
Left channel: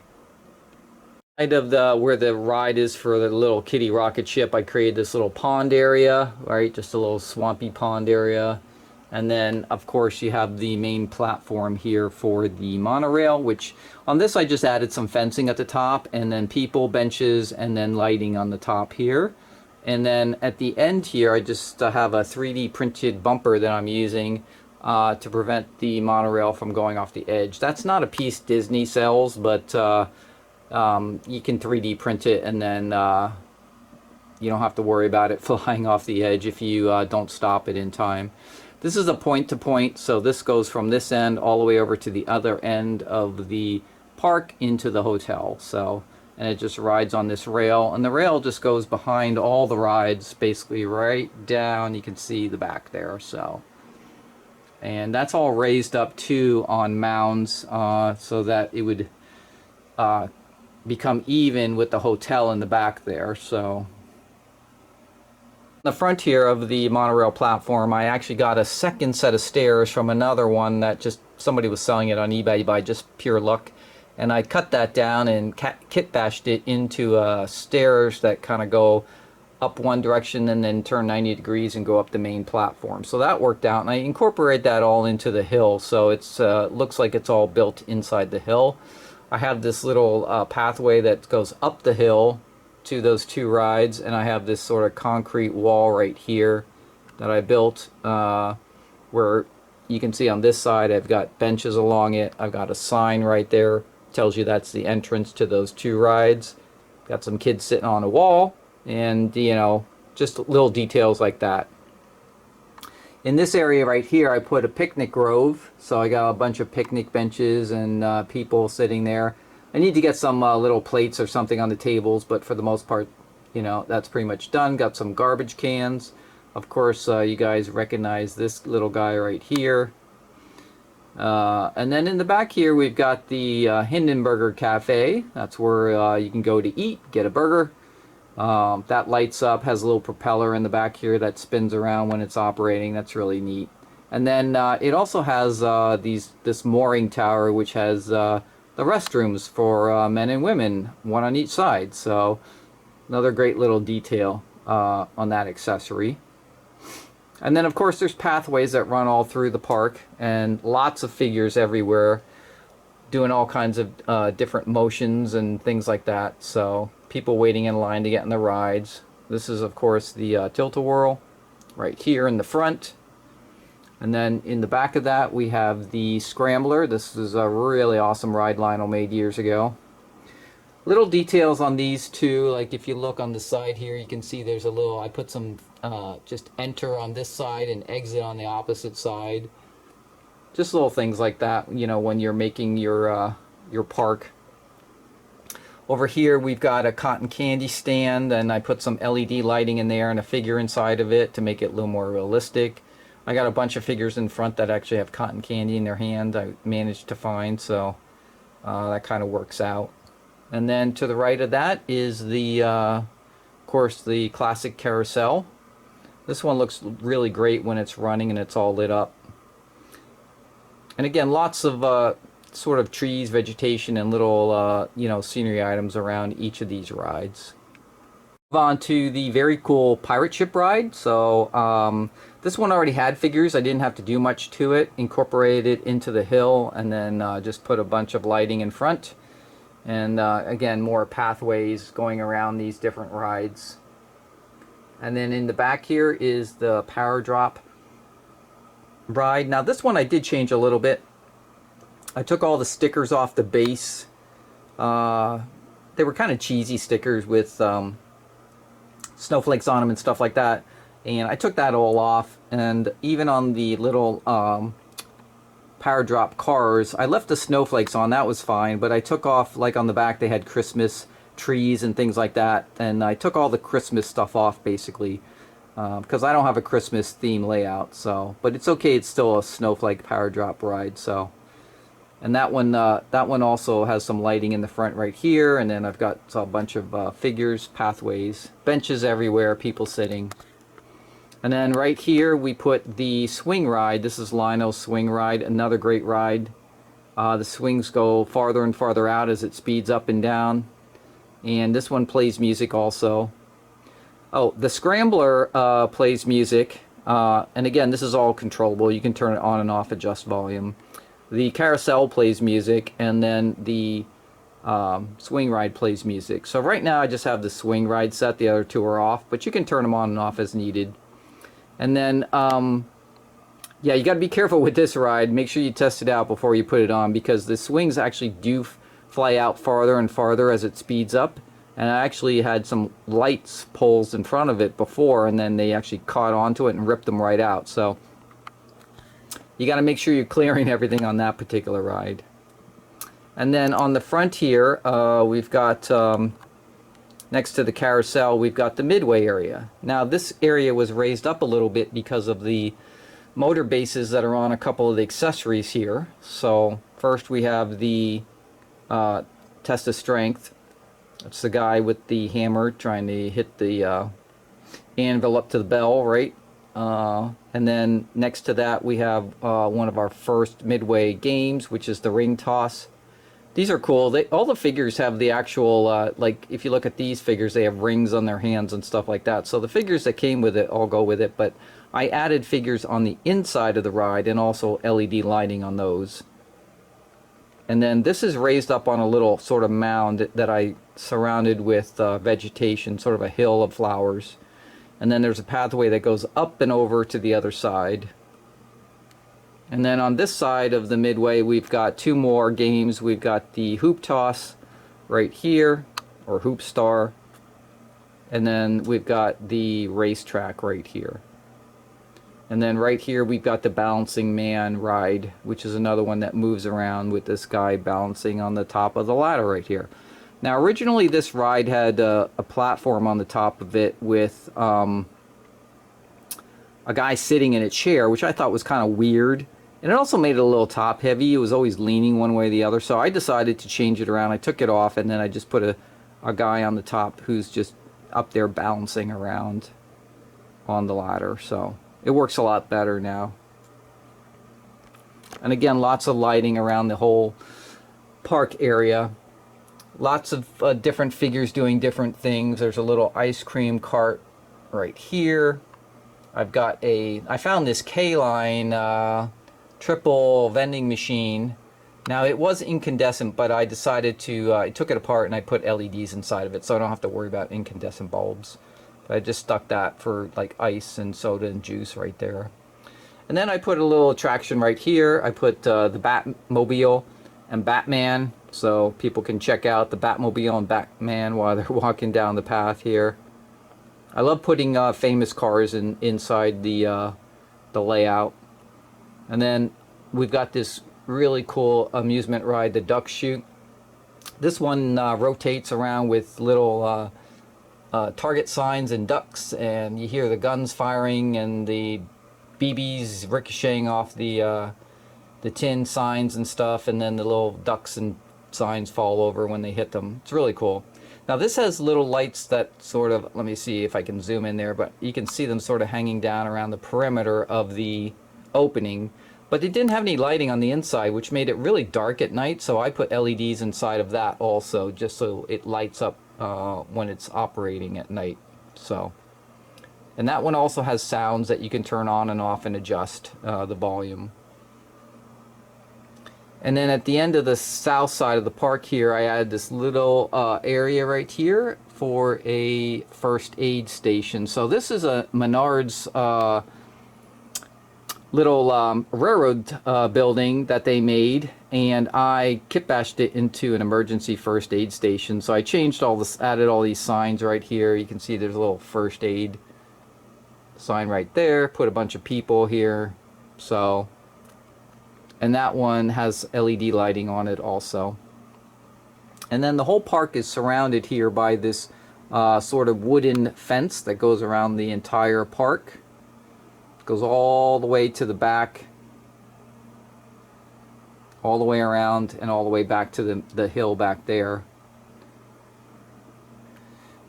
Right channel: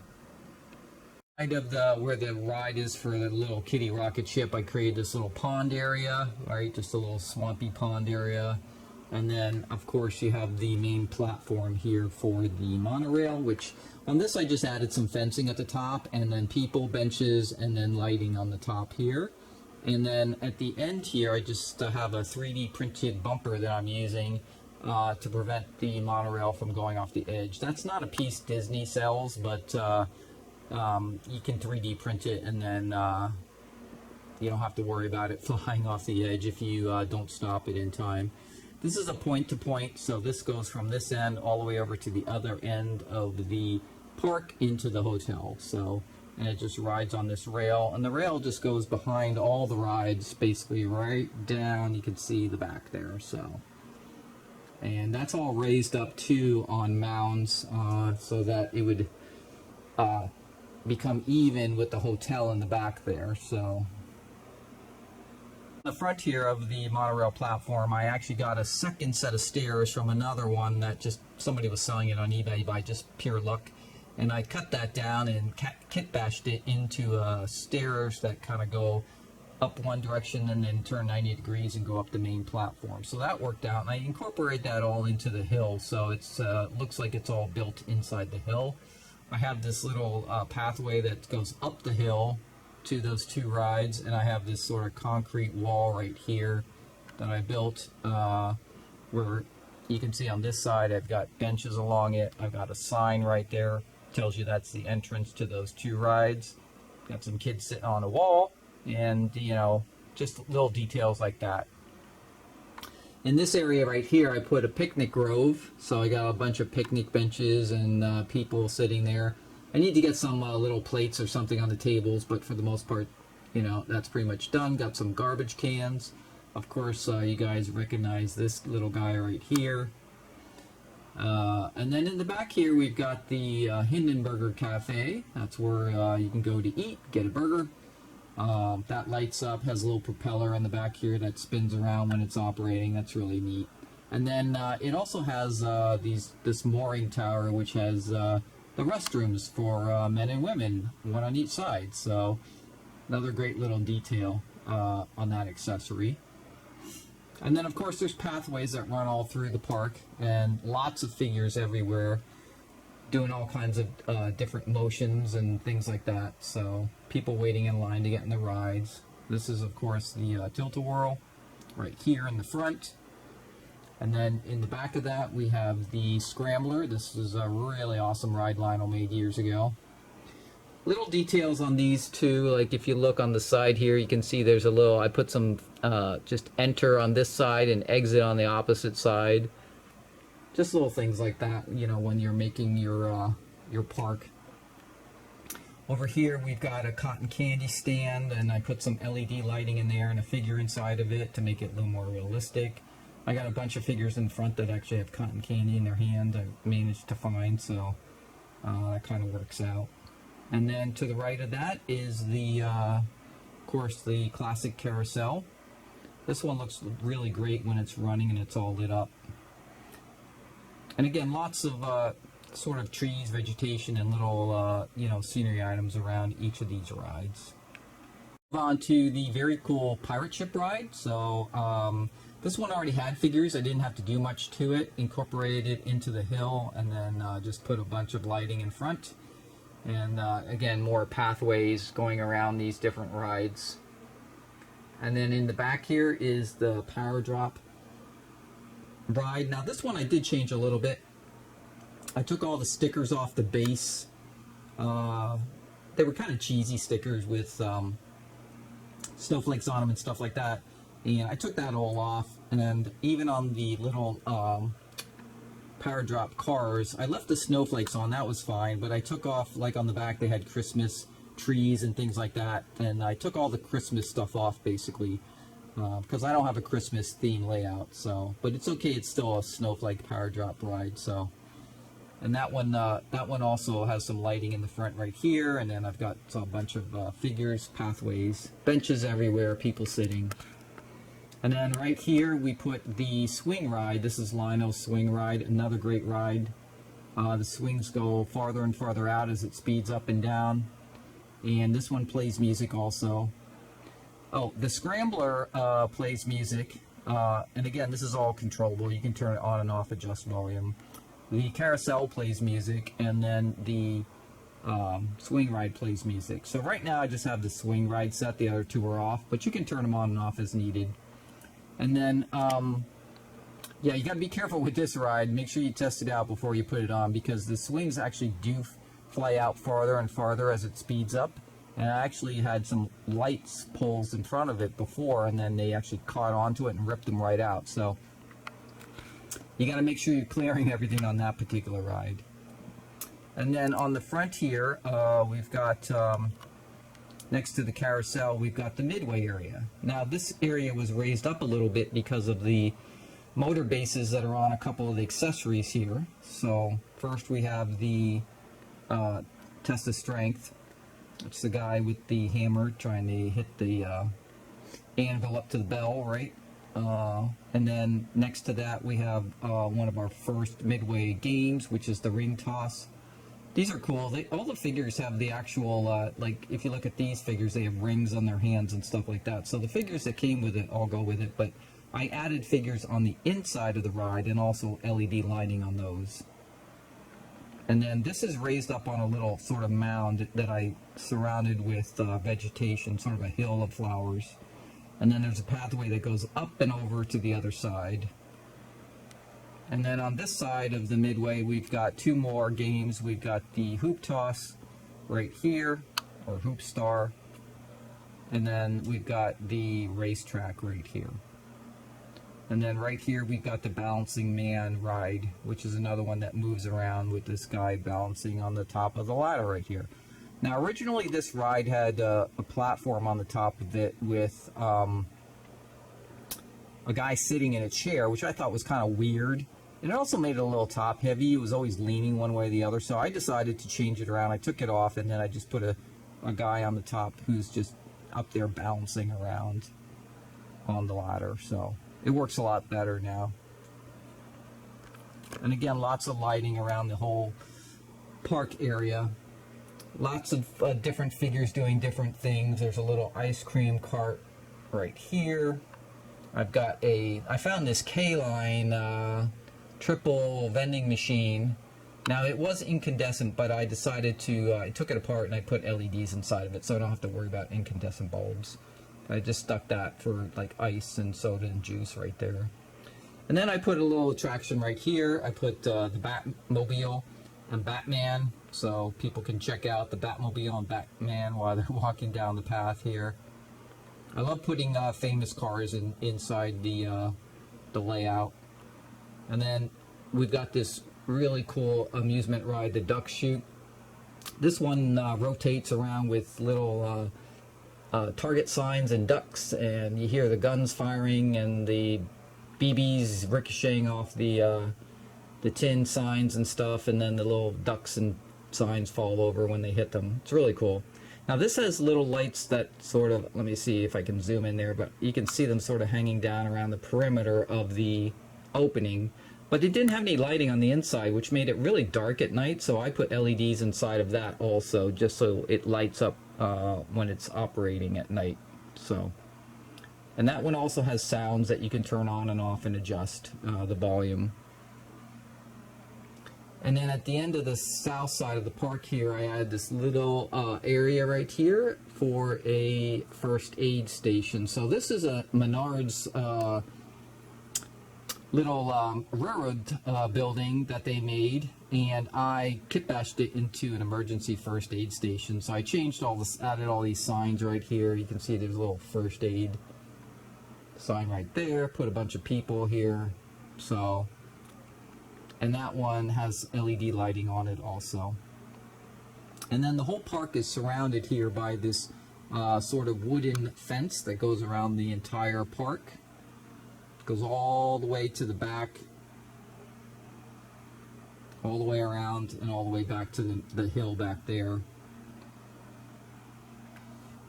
Right of the where the ride is for the little kiddie rocket ship, I created this little pond area, right? Just a little swampy pond area. And then, of course, you have the main platform here for the monorail, which on this I just added some fencing at the top, and then people, benches, and then lighting on the top here. And then at the end here, I just have a 3D printed bumper that I'm using to prevent the monorail from going off the edge. That's not a piece Disney sells, but you can 3D print it, and then you don't have to worry about it flying off the edge if you don't stop it in time. This is a point-to-point, so this goes from this end all the way over to the other end of the park into the hotel. So, and it just rides on this rail, and the rail just goes behind all the rides, basically right down. You can see the back there. So, and that's all raised up too on mounds, so that it would become even with the hotel in the back there. So the front here of the monorail platform, I actually got a second set of stairs from another one that just somebody was selling it on eBay by just pure luck, and I cut that down and kit bashed it into stairs that kind of go up one direction and then turn 90 degrees and go up the main platform. So that worked out, and I incorporate that all into the hill, so it's looks like it's all built inside the hill. I have this little pathway that goes up the hill to those two rides, and I have this sort of concrete wall right here that I built where you can see on this side I've got benches along it. I've got a sign right there, tells you that's the entrance to those two rides. Got some kids sitting on a wall, and you know, just little details like that. In this area right here, I put a picnic grove, so I got a bunch of picnic benches and people sitting there. I need to get some little plates or something on the tables, but for the most part, you know, that's pretty much done. Got some garbage cans. Of course, you guys recognize this little guy right here. And then in the back here, we've got the Hindenburger Cafe. That's where you can go to eat, get a burger. That lights up, has a little propeller in the back here that spins around when it's operating. That's really neat. And then it also has this mooring tower, which has the restrooms for men and women, one on each side. So another great little detail on that accessory. And then of course there's pathways that run all through the park, and lots of figures everywhere doing all kinds of different motions and things like that. So people waiting in line to get in the rides. This is of course the Tilt-A-Whirl right here in the front. And then in the back of that we have the Scrambler. This is a really awesome ride Lionel made years ago. Little details on these two, like if you look on the side here, you can see there's a little, I put some just enter on this side and exit on the opposite side. Just little things like that, you know, when you're making your park. Over here we've got a cotton candy stand, and I put some LED lighting in there and a figure inside of it to make it a little more realistic. I got a bunch of figures in front that actually have cotton candy in their hand. I managed to find, so that kind of works out. And then to the right of that is the, of course, the classic carousel. This one looks really great when it's running and it's all lit up. And again, lots of sort of trees, vegetation, and little, you know, scenery items around each of these rides. Move on to the very cool pirate ship ride. So this one already had figures. I didn't have to do much to it. Incorporated it into the hill, and then just put a bunch of lighting in front. And again, more pathways going around these different rides. And then in the back here is the Power Drop ride. Now this one I did change a little bit. I took all the stickers off the base. They were kind of cheesy stickers with snowflakes on them and stuff like that. And I took that all off. And even on the little Power Drop cars, I left the snowflakes on. That was fine. But I took off, like on the back, they had Christmas trees and things like that. And I took all the Christmas stuff off, basically. Because I don't have a Christmas theme layout. So, but it's okay. It's still a snowflake Power Drop ride. So. And that one also has some lighting in the front right here, and then I've got a bunch of figures, pathways, benches everywhere, people sitting. And then right here we put the swing ride. This is Lionel's swing ride, another great ride. The swings go farther and farther out as it speeds up and down. And this one plays music also. Oh, the Scrambler plays music. And again, this is all controllable. You can turn it on and off, adjust volume. The carousel plays music, and then the swing ride plays music. So right now I just have the swing ride set, the other two are off, but you can turn them on and off as needed. And then, yeah, you got to be careful with this ride. Make sure you test it out before you put it on, because the swings actually do fly out farther and farther as it speeds up. And I actually had some lights poles in front of it before, and then they actually caught onto it and ripped them right out. So you got to make sure you're clearing everything on that particular ride. And then on the front here, we've got, next to the carousel, we've got the midway area. Now this area was raised up a little bit because of the motor bases that are on a couple of the accessories here. So first we have the test of strength. That's the guy with the hammer trying to hit the anvil up to the bell, right? And then next to that we have one of our first midway games, which is the ring toss. These are cool. All the figures have the actual, like if you look at these figures, they have rings on their hands and stuff like that. So the figures that came with it all go with it, but I added figures on the inside of the ride and also LED lighting on those. And then this is raised up on a little sort of mound that I surrounded with vegetation, sort of a hill of flowers. And then there's a pathway that goes up and over to the other side. And then on this side of the midway, we've got two more games. We've got the hoop toss right here, or hoop star. And then we've got the racetrack right here. And then right here, we've got the balancing man ride, which is another one that moves around with this guy balancing on the top of the ladder right here. Now, originally, this ride had a platform on the top of it with a guy sitting in a chair, which I thought was kind of weird. And it also made it a little top heavy. It was always leaning one way or the other. So I decided to change it around. I took it off, and then I just put a guy on the top who's just up there bouncing around on the ladder. So it works a lot better now. And again, lots of lighting around the whole park area. Lots of different figures doing different things. There's a little ice cream cart right here. I found this K-line triple vending machine. Now it was incandescent, but I decided to, I took it apart and I put LEDs inside of it so I don't have to worry about incandescent bulbs. I just stuck that for like ice and soda and juice right there. And then I put a little attraction right here. I put the Batmobile and Batman, so people can check out the Batmobile and Batman while they're walking down the path here. I love putting famous cars inside the layout. And then we've got this really cool amusement ride, the Duck Chute. This one rotates around with little target signs and ducks, and you hear the guns firing and the BBs ricocheting off the tin signs and stuff, and then the little ducks and signs fall over when they hit them. It's really cool. Now this has little lights that sort of, let me see if I can zoom in there, but you can see them sort of hanging down around the perimeter of the opening, but it didn't have any lighting on the inside, which made it really dark at night, so I put LEDs inside of that also, just so it lights up when it's operating at night. So, and that one also has sounds that you can turn on and off and adjust the volume. And then at the end of the south side of the park here, I added this little area right here for a first aid station. So this is a Menards little railroad building that they made, and I kitbashed it into an emergency first aid station. So I changed all this, added all these signs right here. You can see there's a little first aid sign right there, put a bunch of people here. So, and that one has LED lighting on it also. And then the whole park is surrounded here by this sort of wooden fence that goes around the entire park. Goes all the way to the back, all the way around, and all the way back to the hill back there.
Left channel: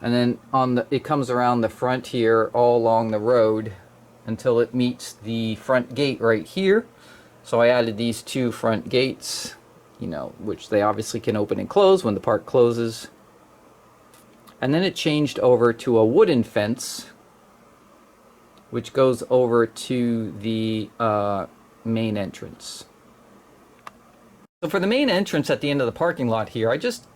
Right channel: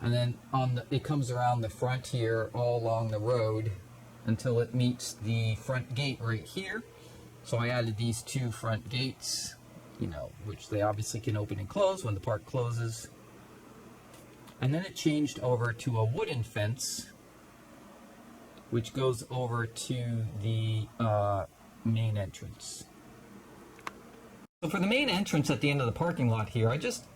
And then it comes around the front here all along the road until it meets the front gate right here. So I added these two front gates, you know, which they obviously can open and close when the park closes. And then it changed over to a wooden fence, which goes over to the main entrance. So for the main entrance at the end of the parking lot here, I just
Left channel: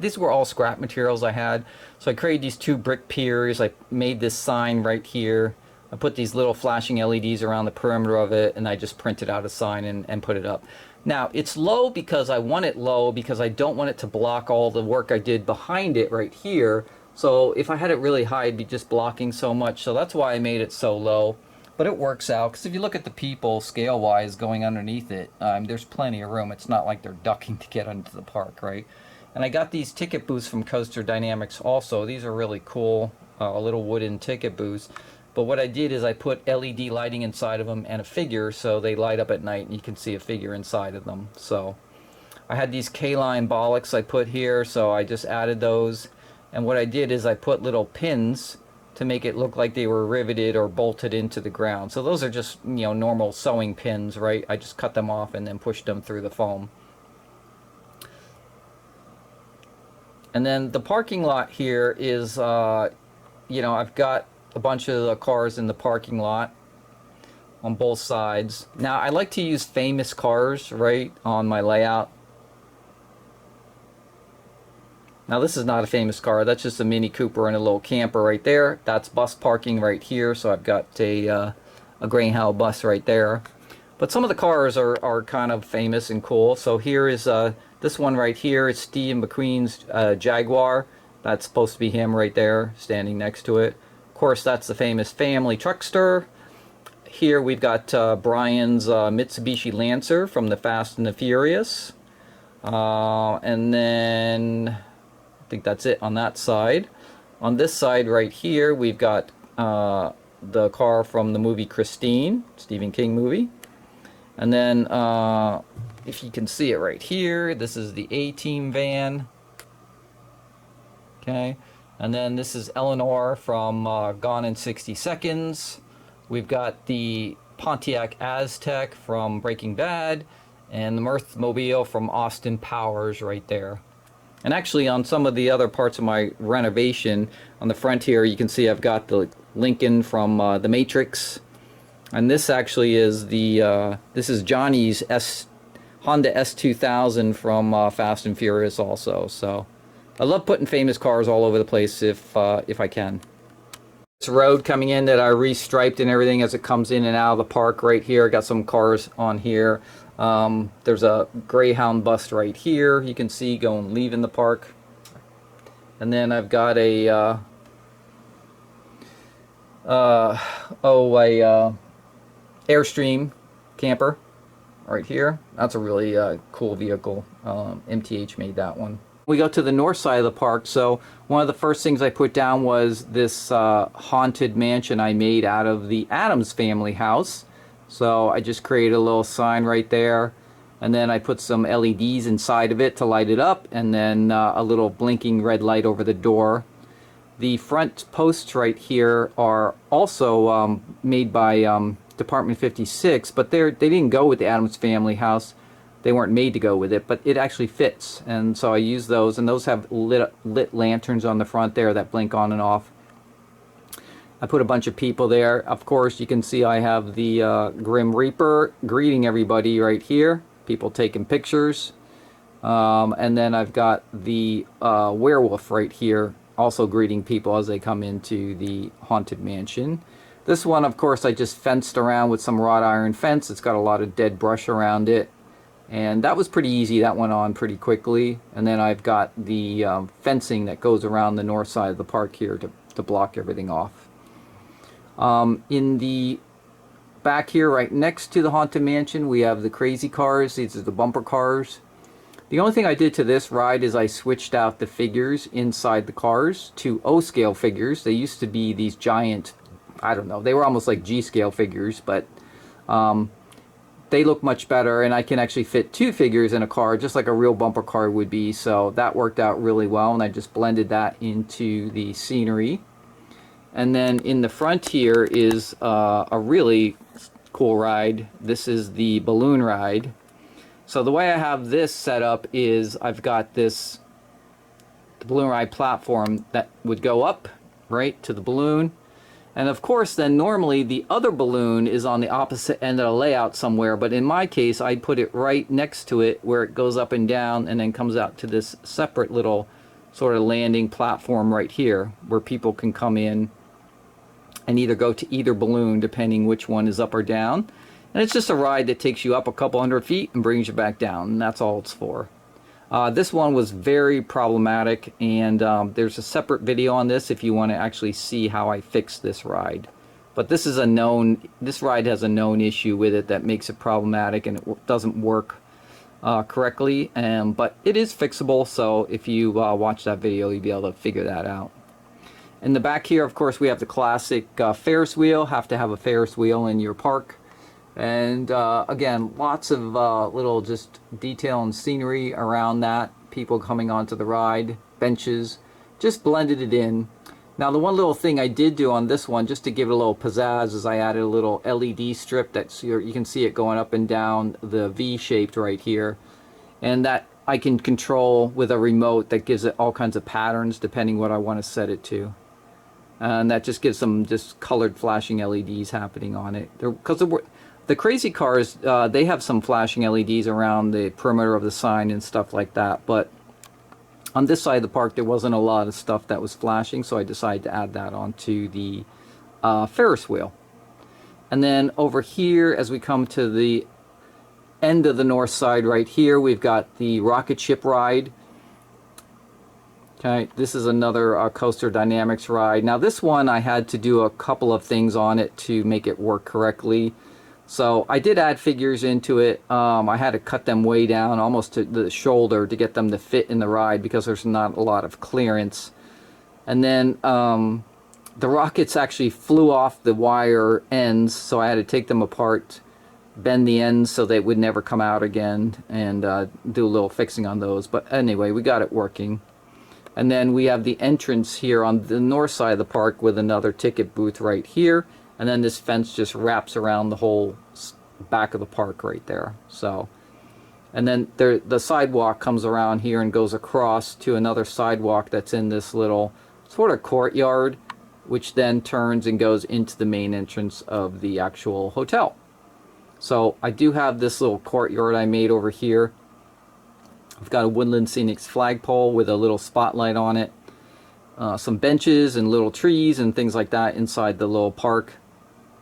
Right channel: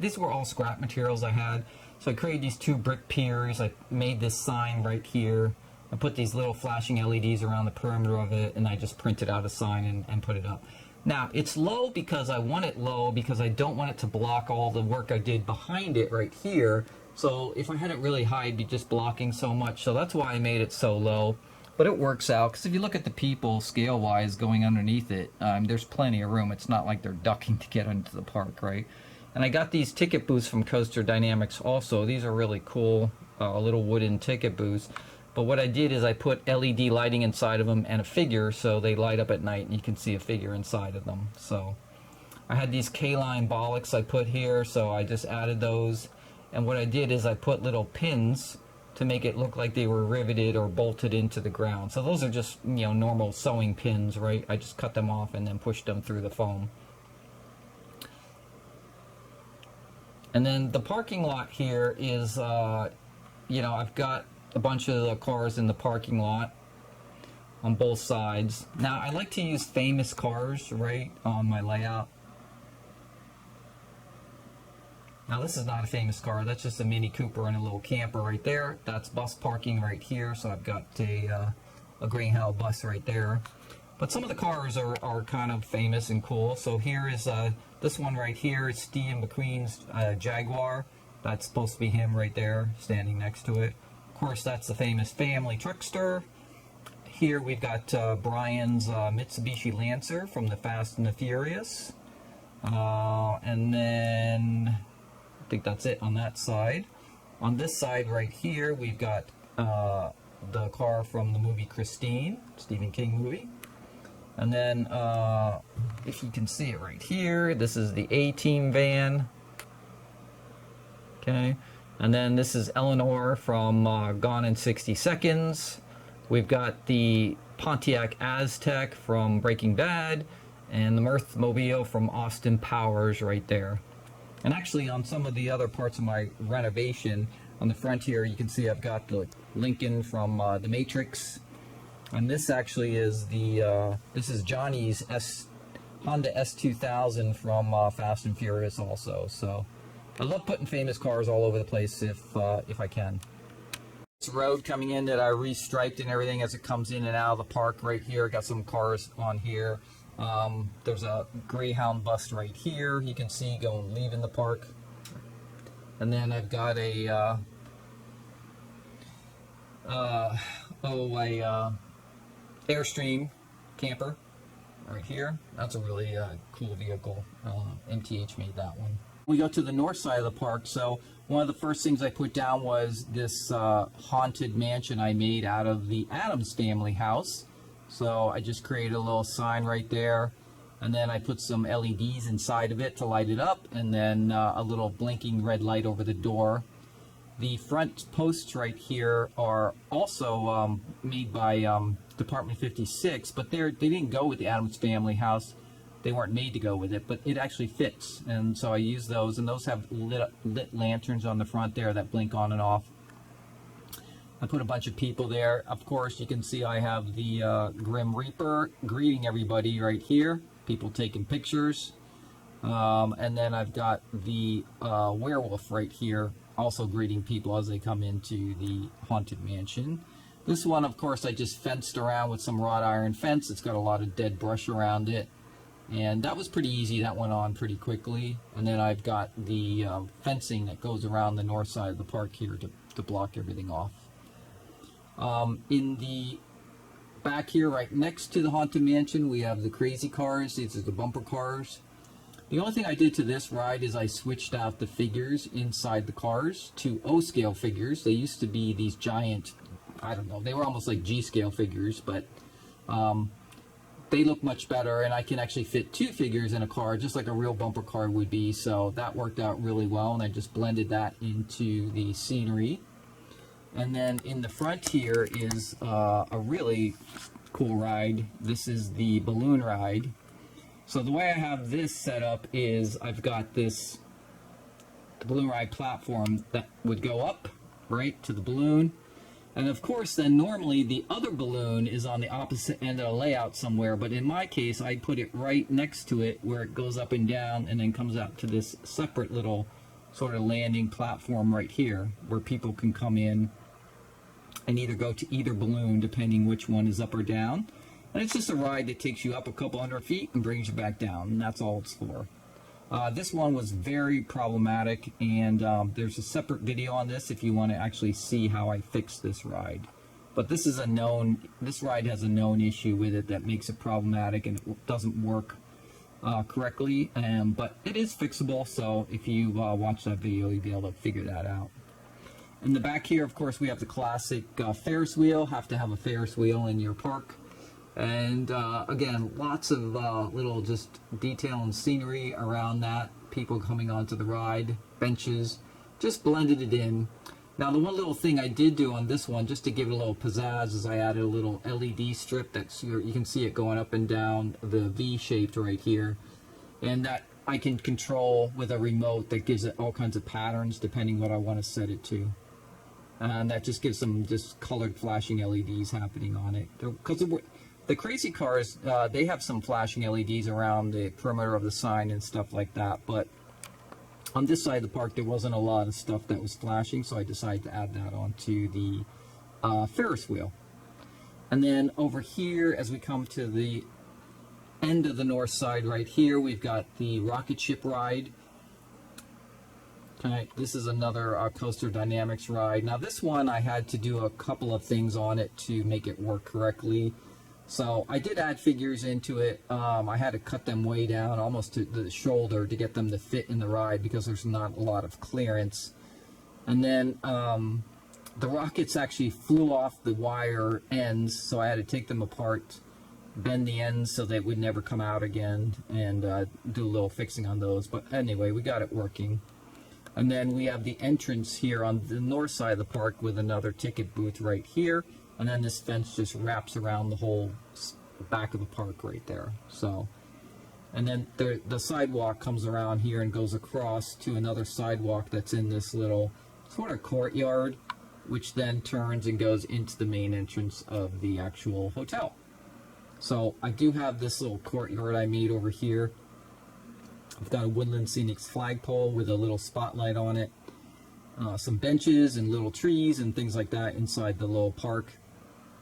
these were all scrap materials I had. So I created these 2 brick piers. I made this sign right here. I put these little flashing LEDs around the perimeter of it, and I just printed out a sign and put it up. Now, it's low because I want it low because I don't want it to block all the work I did behind it right here. So if I had it really high, it'd be just blocking so much. So that's why I made it so low. But it works out, because if you look at the people scale-wise going underneath it, there's plenty of room. It's not like they're ducking to get into the park, right? And I got these ticket booths from Coaster Dynamics also. These are really cool, little wooden ticket booths. But what I did is I put LED lighting inside of them and a figure, so they light up at night and you can see a figure inside of them. So I had these K-line bollocks I put here, so I just added those. And what I did is I put little pins to make it look like they were riveted or bolted into the ground. So those are just, normal sewing pins, right? I just cut them off and then pushed them through the foam. And then the parking lot here is, I've got a bunch of the cars in the parking lot on both sides. Now, I like to use famous cars, right, on my layout. Now, this is not a famous car. That's just a Mini Cooper and a little camper right there. That's bus parking right here, so I've got a Greyhound bus right there. But some of the cars are kind of famous and cool. So here is this one right here. It's Steve McQueen's Jaguar. That's supposed to be him right there, standing next to it. Of course, that's the famous family truckster. Here we've got Brian's Mitsubishi Lancer from the Fast and the Furious. And then I think that's it on that side. On this side right here, we've got the car from the movie Christine, Stephen King movie. And then, if you can see it right here, this is the A-Team van. Okay. And then this is Eleanor from Gone in 60 Seconds. We've got the Pontiac Aztec from Breaking Bad. And the Mirthmobile from Austin Powers right there. And actually on some of the other parts of my renovation, on the front here, you can see I've got the Lincoln from The Matrix. And this actually is this is Johnny's Honda S2000 from Fast and Furious also. So I love putting famous cars all over the place if I can. This road coming in that I restriped and everything as it comes in and out of the park right here. Got some cars on here. There's a Greyhound bus right here. You can see leaving the park. And then I've got a Airstream camper right here. That's a really cool vehicle. MTH made that one. We go to the north side of the park. So one of the first things I put down was this haunted mansion I made out of the Addams Family house. So I just created a little sign right there, and then I put some LEDs inside of it to light it up, and then a little blinking red light over the door. The front posts right here are also made by Department 56, but they didn't go with the Addams Family house. They weren't made to go with it, but it actually fits, and so I use those, and those have lit lanterns on the front there that blink on and off. I put a bunch of people there. Of course, you can see I have the Grim Reaper greeting everybody right here. People taking pictures. And then I've got the werewolf right here, also greeting people as they come into the Haunted Mansion. This one, of course, I just fenced around with some wrought iron fence. It's got a lot of dead brush around it. And that was pretty easy. That went on pretty quickly. And then I've got the fencing that goes around the north side of the park here to block everything off. In the back here, right next to the Haunted Mansion, we have the crazy cars. These are the bumper cars. The only thing I did to this ride is I switched out the figures inside the cars to O-scale figures. They used to be these giant, I don't know, they were almost like G-scale figures, but they look much better, and I can actually fit 2 figures in a car, just like a real bumper car would be. So that worked out really well, and I just blended that into the scenery. And then in the front here is a really cool ride. This is the balloon ride. So the way I have this set up is I've got the balloon ride platform that would go up right to the balloon, And of course, then normally the other balloon is on the opposite end of the layout somewhere. But in my case, I put it right next to it where it goes up and down and then comes out to this separate little sort of landing platform right here where people can come in and either go to either balloon depending which one is up or down. And it's just a ride that takes you up a couple hundred feet and brings you back down. And that's all it's for. This one was very problematic, and there's a separate video on this if you want to actually see how I fixed this ride. But this ride has a known issue with it that makes it problematic, and it doesn't work correctly. But it is fixable, so if you watch that video, you'll be able to figure that out. In the back here, of course, we have the classic Ferris wheel. Have to have a Ferris wheel in your park. And again, lots of little just detail and scenery around that. People coming onto the ride, benches, just blended it in. Now, the one little thing I did do on this one, just to give it a little pizzazz, is I added a little LED strip that's you can see it going up and down the V-shaped right here. And that I can control with a remote that gives it all kinds of patterns depending what I want to set it to. And that just gives some just colored flashing LEDs happening on it. Because the crazy cars, they have some flashing LEDs around the perimeter of the sign and stuff like that. But on this side of the park, there wasn't a lot of stuff that was flashing, so I decided to add that onto the Ferris wheel. And then over here, as we come to the end of the north side right here, we've got the rocket ship ride. Okay, this is another Coaster Dynamics ride. Now this one, I had to do a couple of things on it to make it work correctly. So I did add figures into it. I had to cut them way down, almost to the shoulder, to get them to fit in the ride because there's not a lot of clearance. And then the rockets actually flew off the wire ends, so I had to take them apart, bend the ends so they would never come out again, and do a little fixing on those. But anyway, we got it working. And then we have the entrance here on the north side of the park with another ticket booth right here. And then this fence just wraps around the whole back of the park right there. So, and then the sidewalk comes around here and goes across to another sidewalk that's in this little sort of courtyard, which then turns and goes into the main entrance of the actual hotel. So I do have this little courtyard I made over here. I've got a Woodland Scenics flagpole with a little spotlight on it. Some benches and little trees and things like that inside the little park.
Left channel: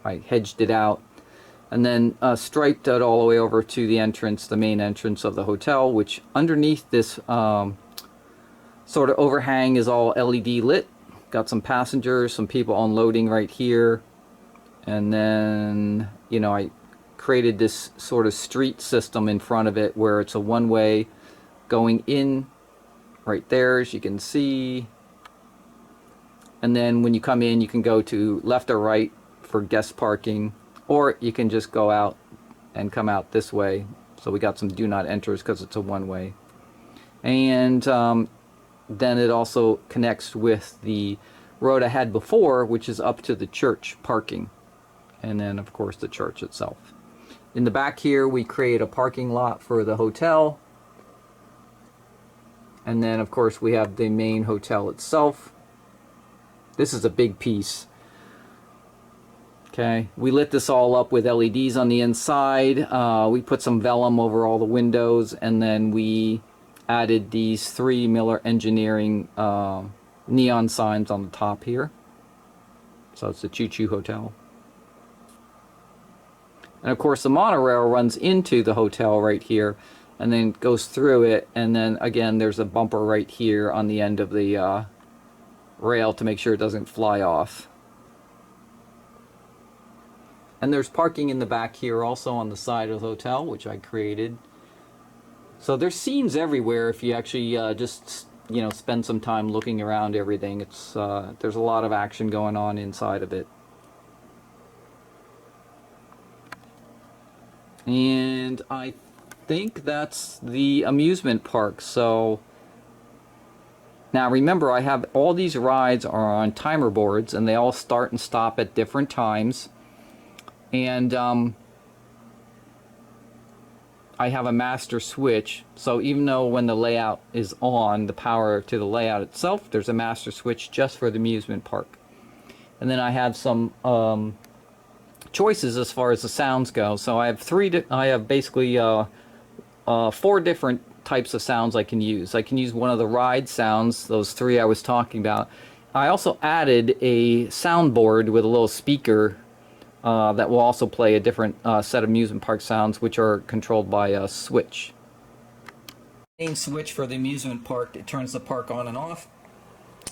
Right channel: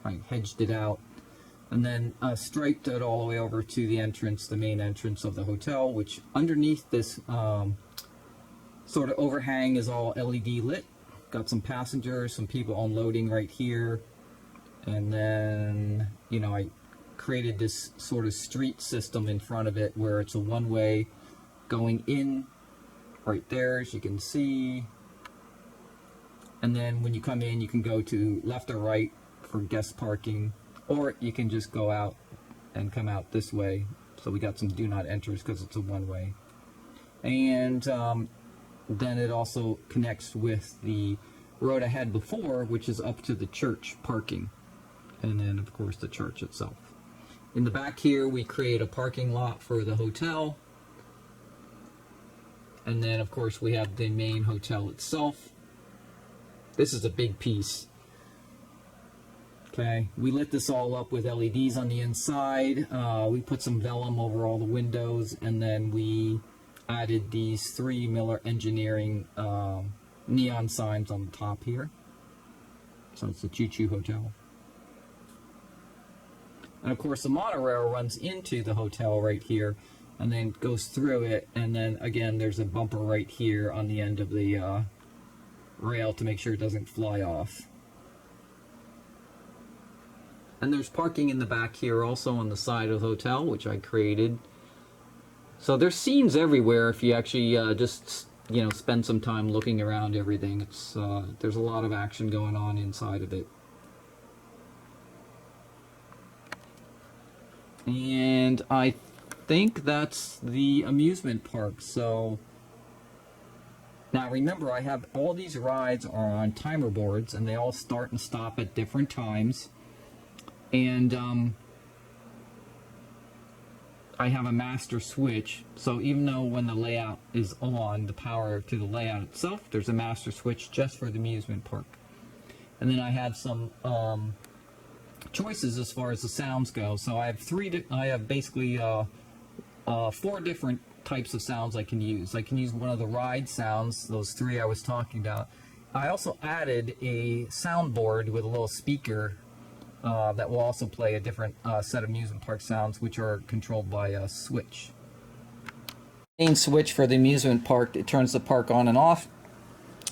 I hedged it out. And then striped it all the way over to the entrance, the main entrance of the hotel, which underneath this sort of overhang is all LED lit. Got some passengers, some people unloading right here. And then, you know, I created this sort of street system in front of it where it's a one-way going in right there, as you can see. And then when you come in, you can go to left or right for guest parking, or you can just go out and come out this way. So we got some do not enters because it's a one-way. And then it also connects with the road I had before, which is up to the church parking. And then, of course, the church itself. In the back here, we create a parking lot for the hotel. And then, of course, we have the main hotel itself. This is a big piece. Okay, we lit this all up with LEDs on the inside. We put some vellum over all the windows, and then we added these 3 Miller Engineering neon signs on the top here. So it's the Choo Choo Hotel. And of course, the monorail runs into the hotel right here, and then goes through it, and then again there's a bumper right here on the end of the rail to make sure it doesn't fly off. And there's parking in the back here also on the side of the hotel, which I created. So there's scenes everywhere if you actually just, you know, spend some time looking around everything. It's there's a lot of action going on inside of it. And I think that's the amusement park. So now remember, I have all these rides are on timer boards, and they all start and stop at different times. And I have a master switch, so even though when the layout is on, the power to the layout itself, there's a master switch just for the amusement park. and then I have some choices as far as the sounds go. So I have I have basically 4 different types of sounds I can use. I can use one of the ride sounds, those 3 I was talking about. I also added a soundboard with a little speaker that will also play a different set of amusement park sounds, which are controlled by a switch. Main switch for the amusement park, it turns the park on and off.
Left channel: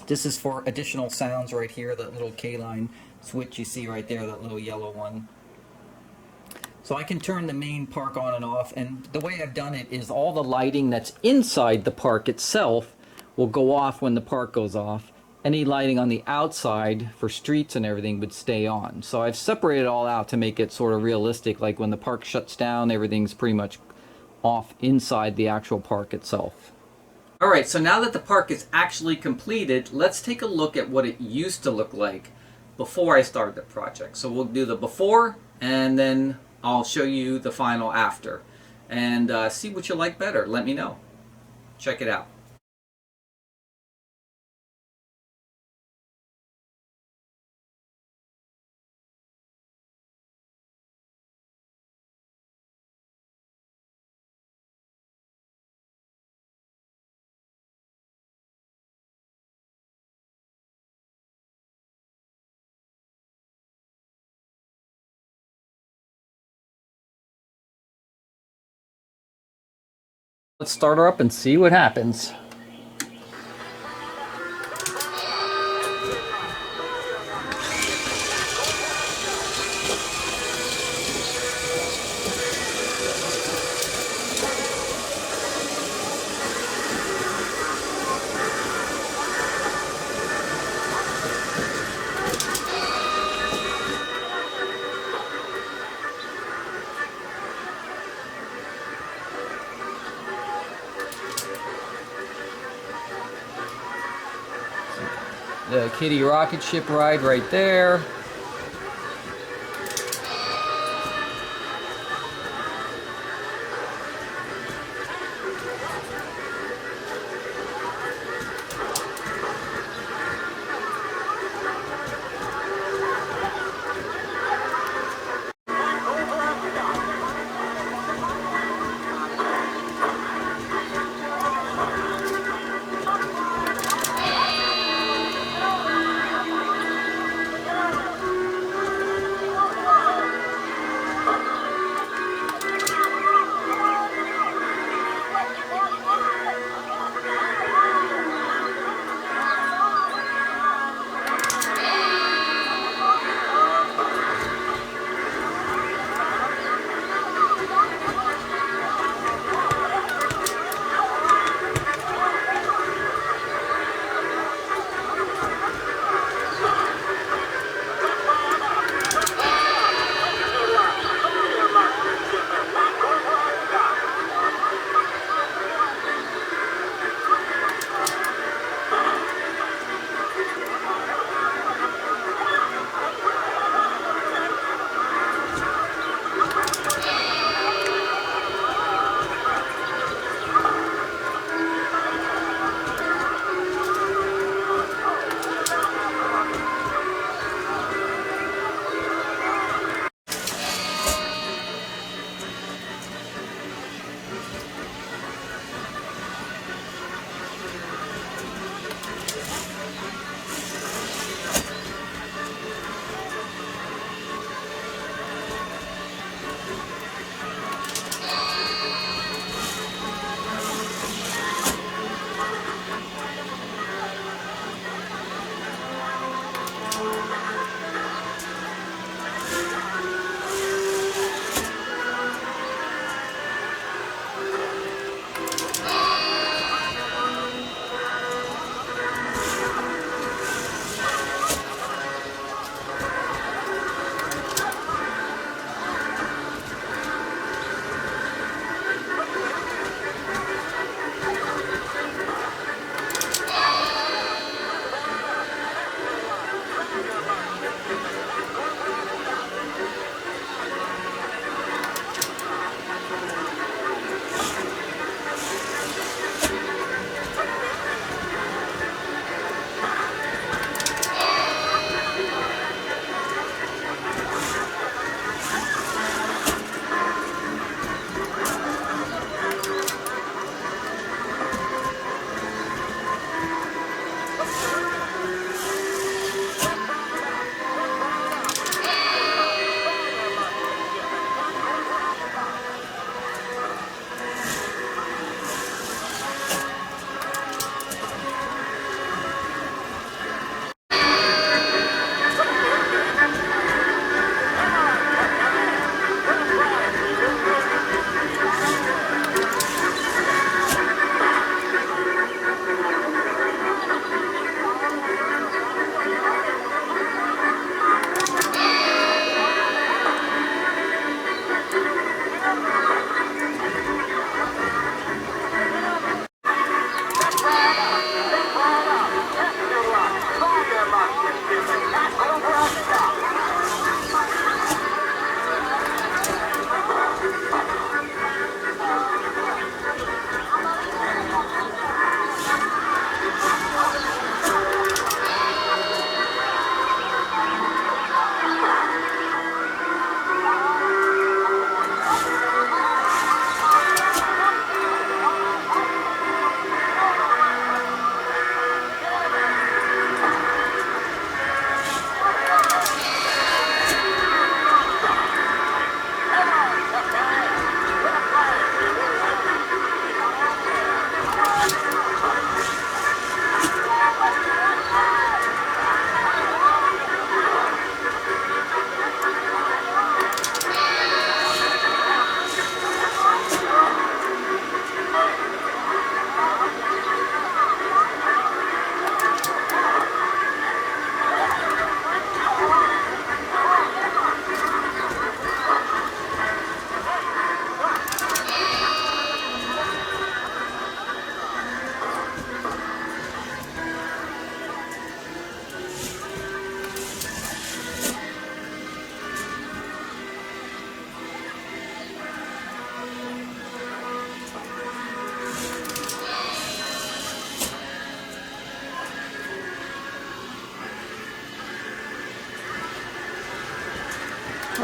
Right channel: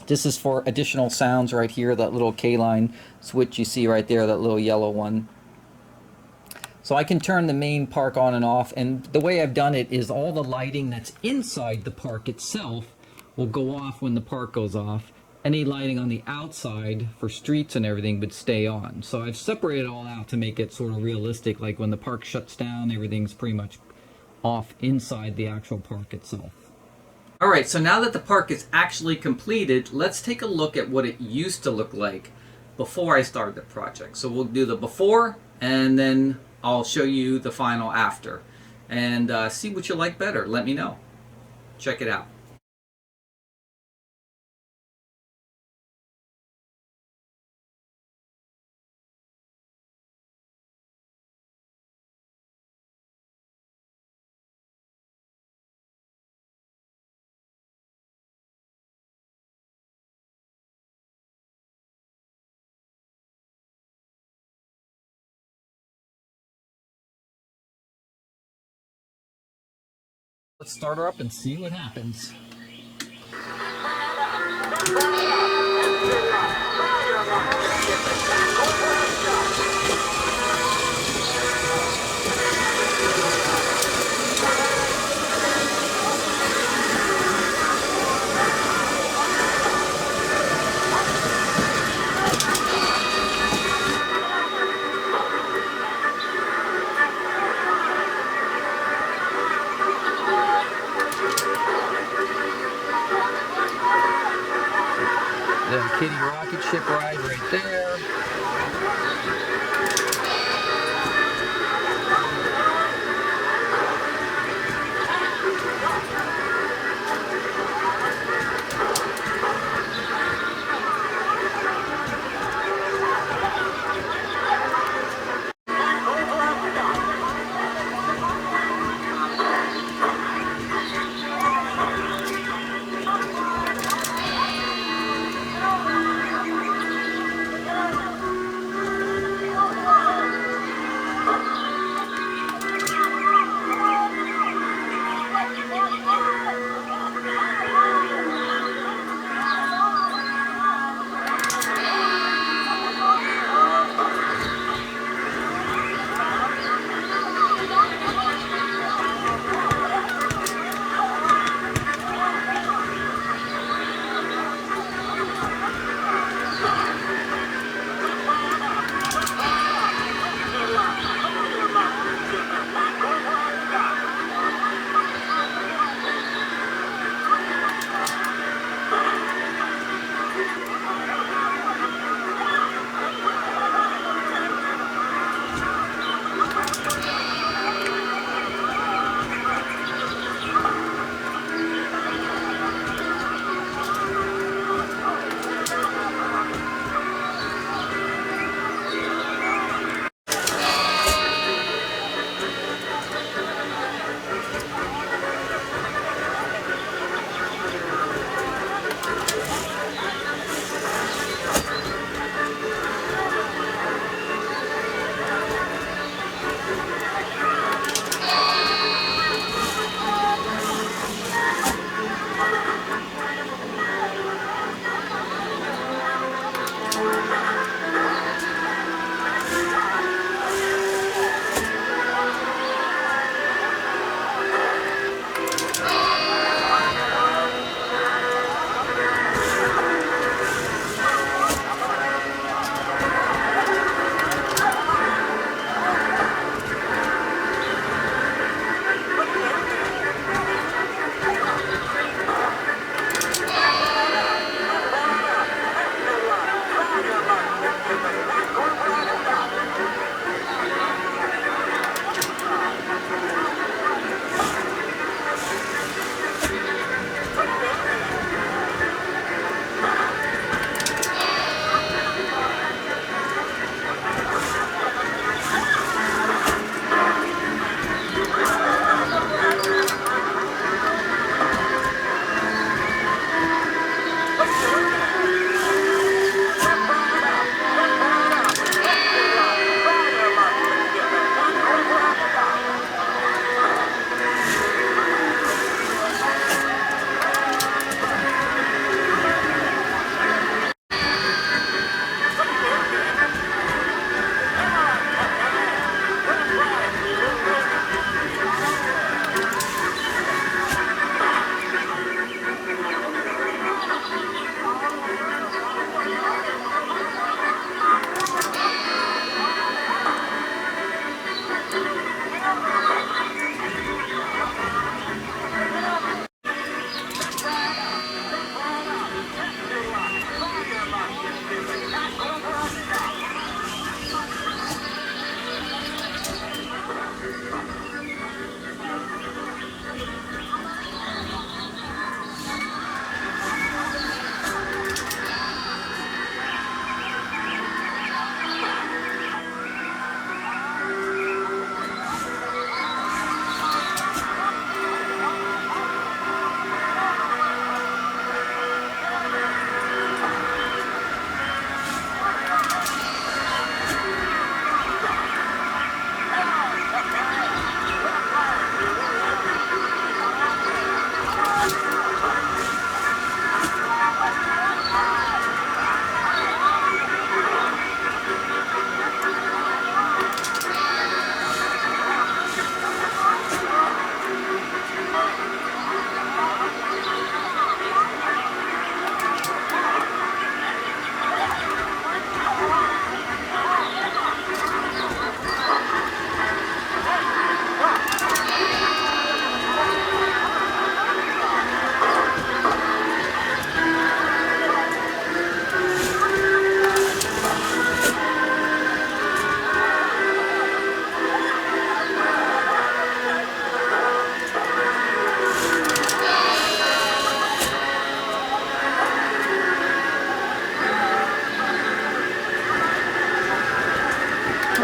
This is for additional sounds right here, that little K-line switch you see right there, that little yellow one. So I can turn the main park on and off, and the way I've done it is all the lighting that's inside the park itself will go off when the park goes off. Any lighting on the outside for streets and everything would stay on. So I've separated it all out to make it sort of realistic, like when the park shuts down, everything's pretty much off inside the actual park itself. All right, so now that the park is actually completed, let's take a look at what it used to look like before I started the project. So we'll do the before, and then I'll show you the final after. And see what you like better. Let me know. Check it out. Let's start her up and see what happens. The kiddie rocket ship ride right there.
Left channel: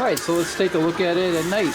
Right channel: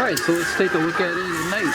Alright, so let's take a look at it at night.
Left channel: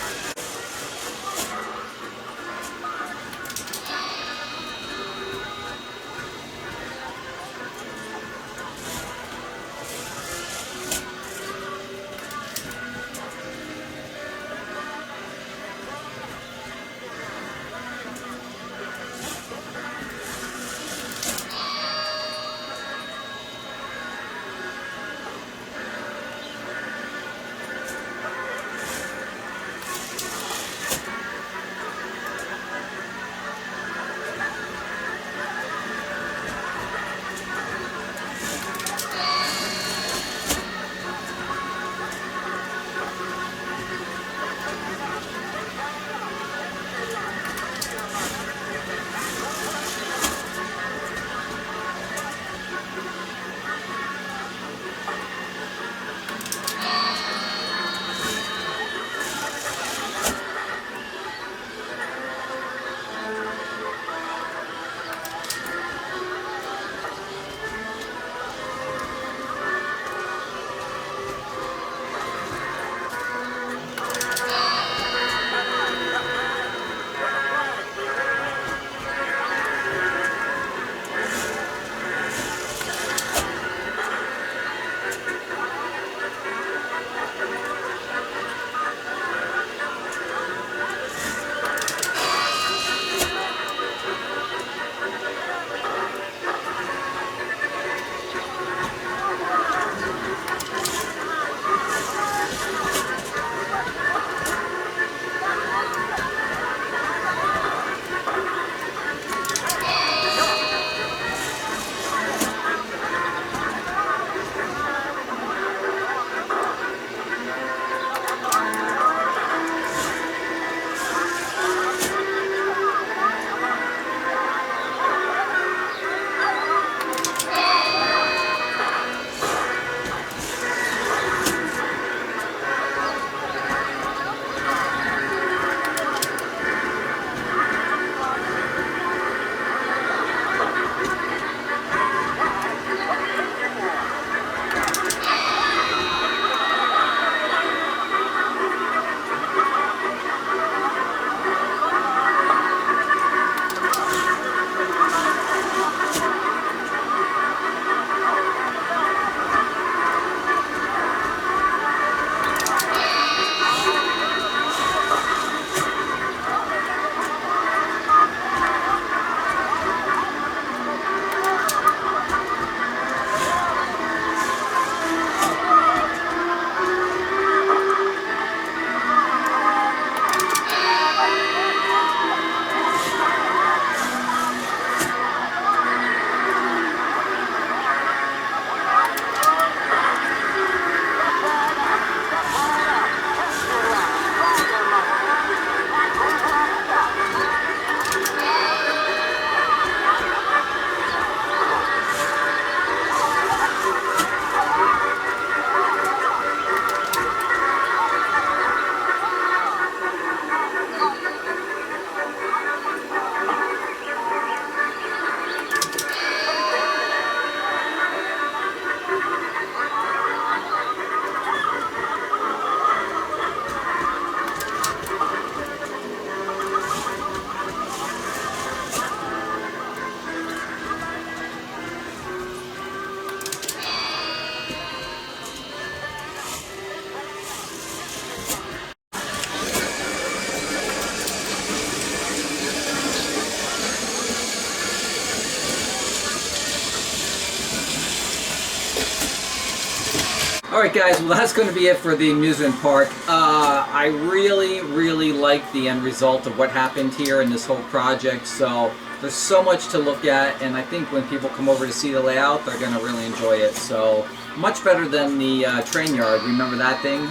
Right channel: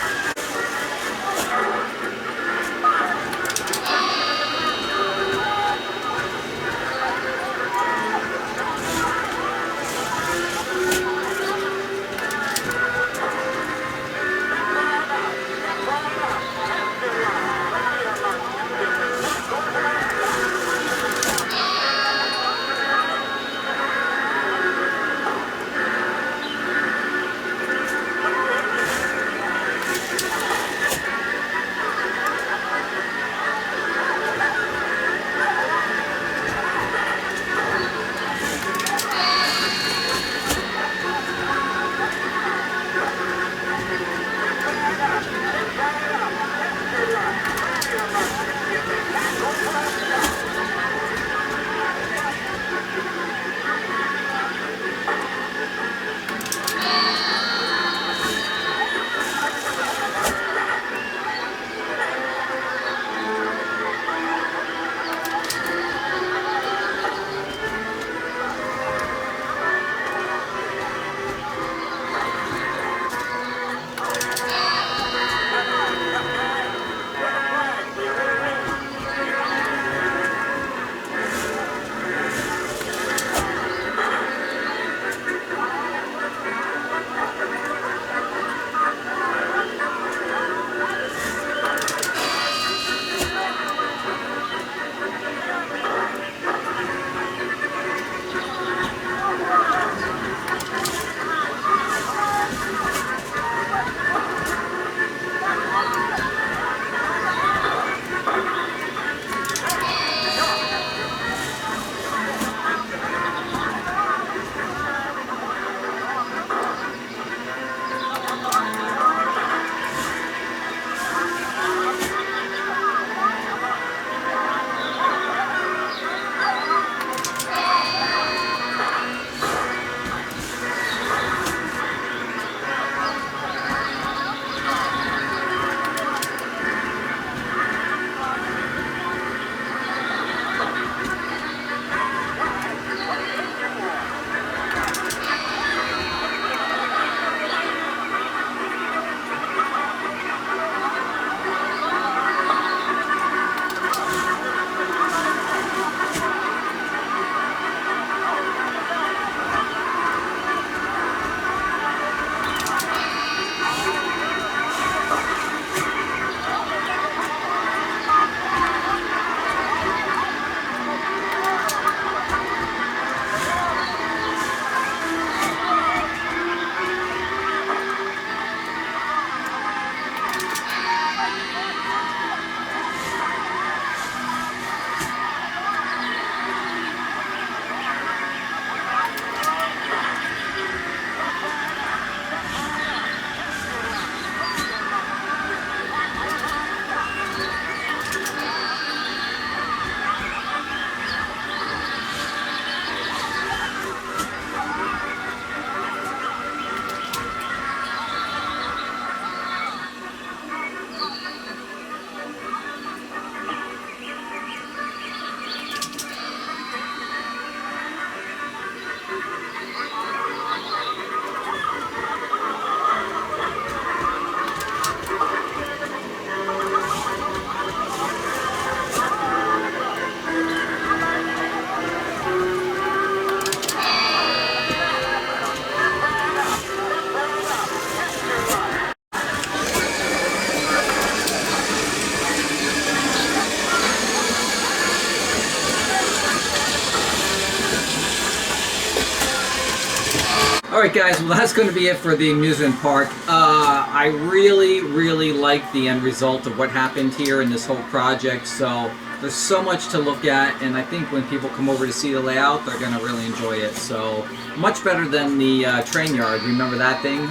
Alright guys, well that's going to be it for the amusement park. I really like the end result of what happened here in this whole project, so there's so much to look at, and I think when people come over to see the layout, they're going to really enjoy it. So much better than the train yard, remember that thing?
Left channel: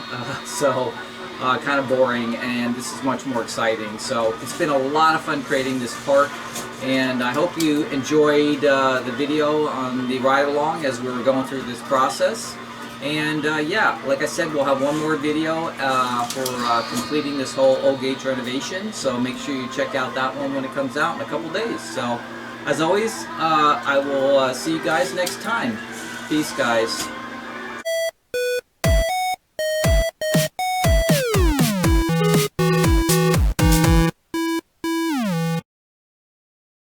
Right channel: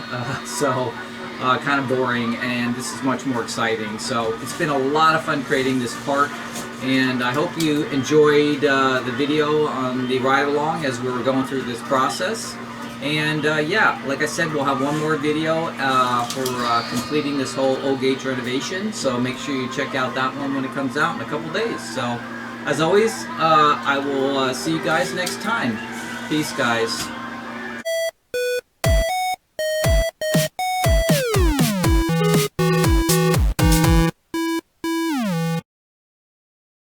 Kind of boring, and this is much more exciting. So it's been a lot of fun creating this park, and I hope you enjoyed the video on the ride along as we were going through this process. And yeah, like I said, we'll have one more video for completing this whole Old Gates renovation, so make sure you check out that one when it comes out in a couple days. So as always, I will see you guys next time. Peace, guys.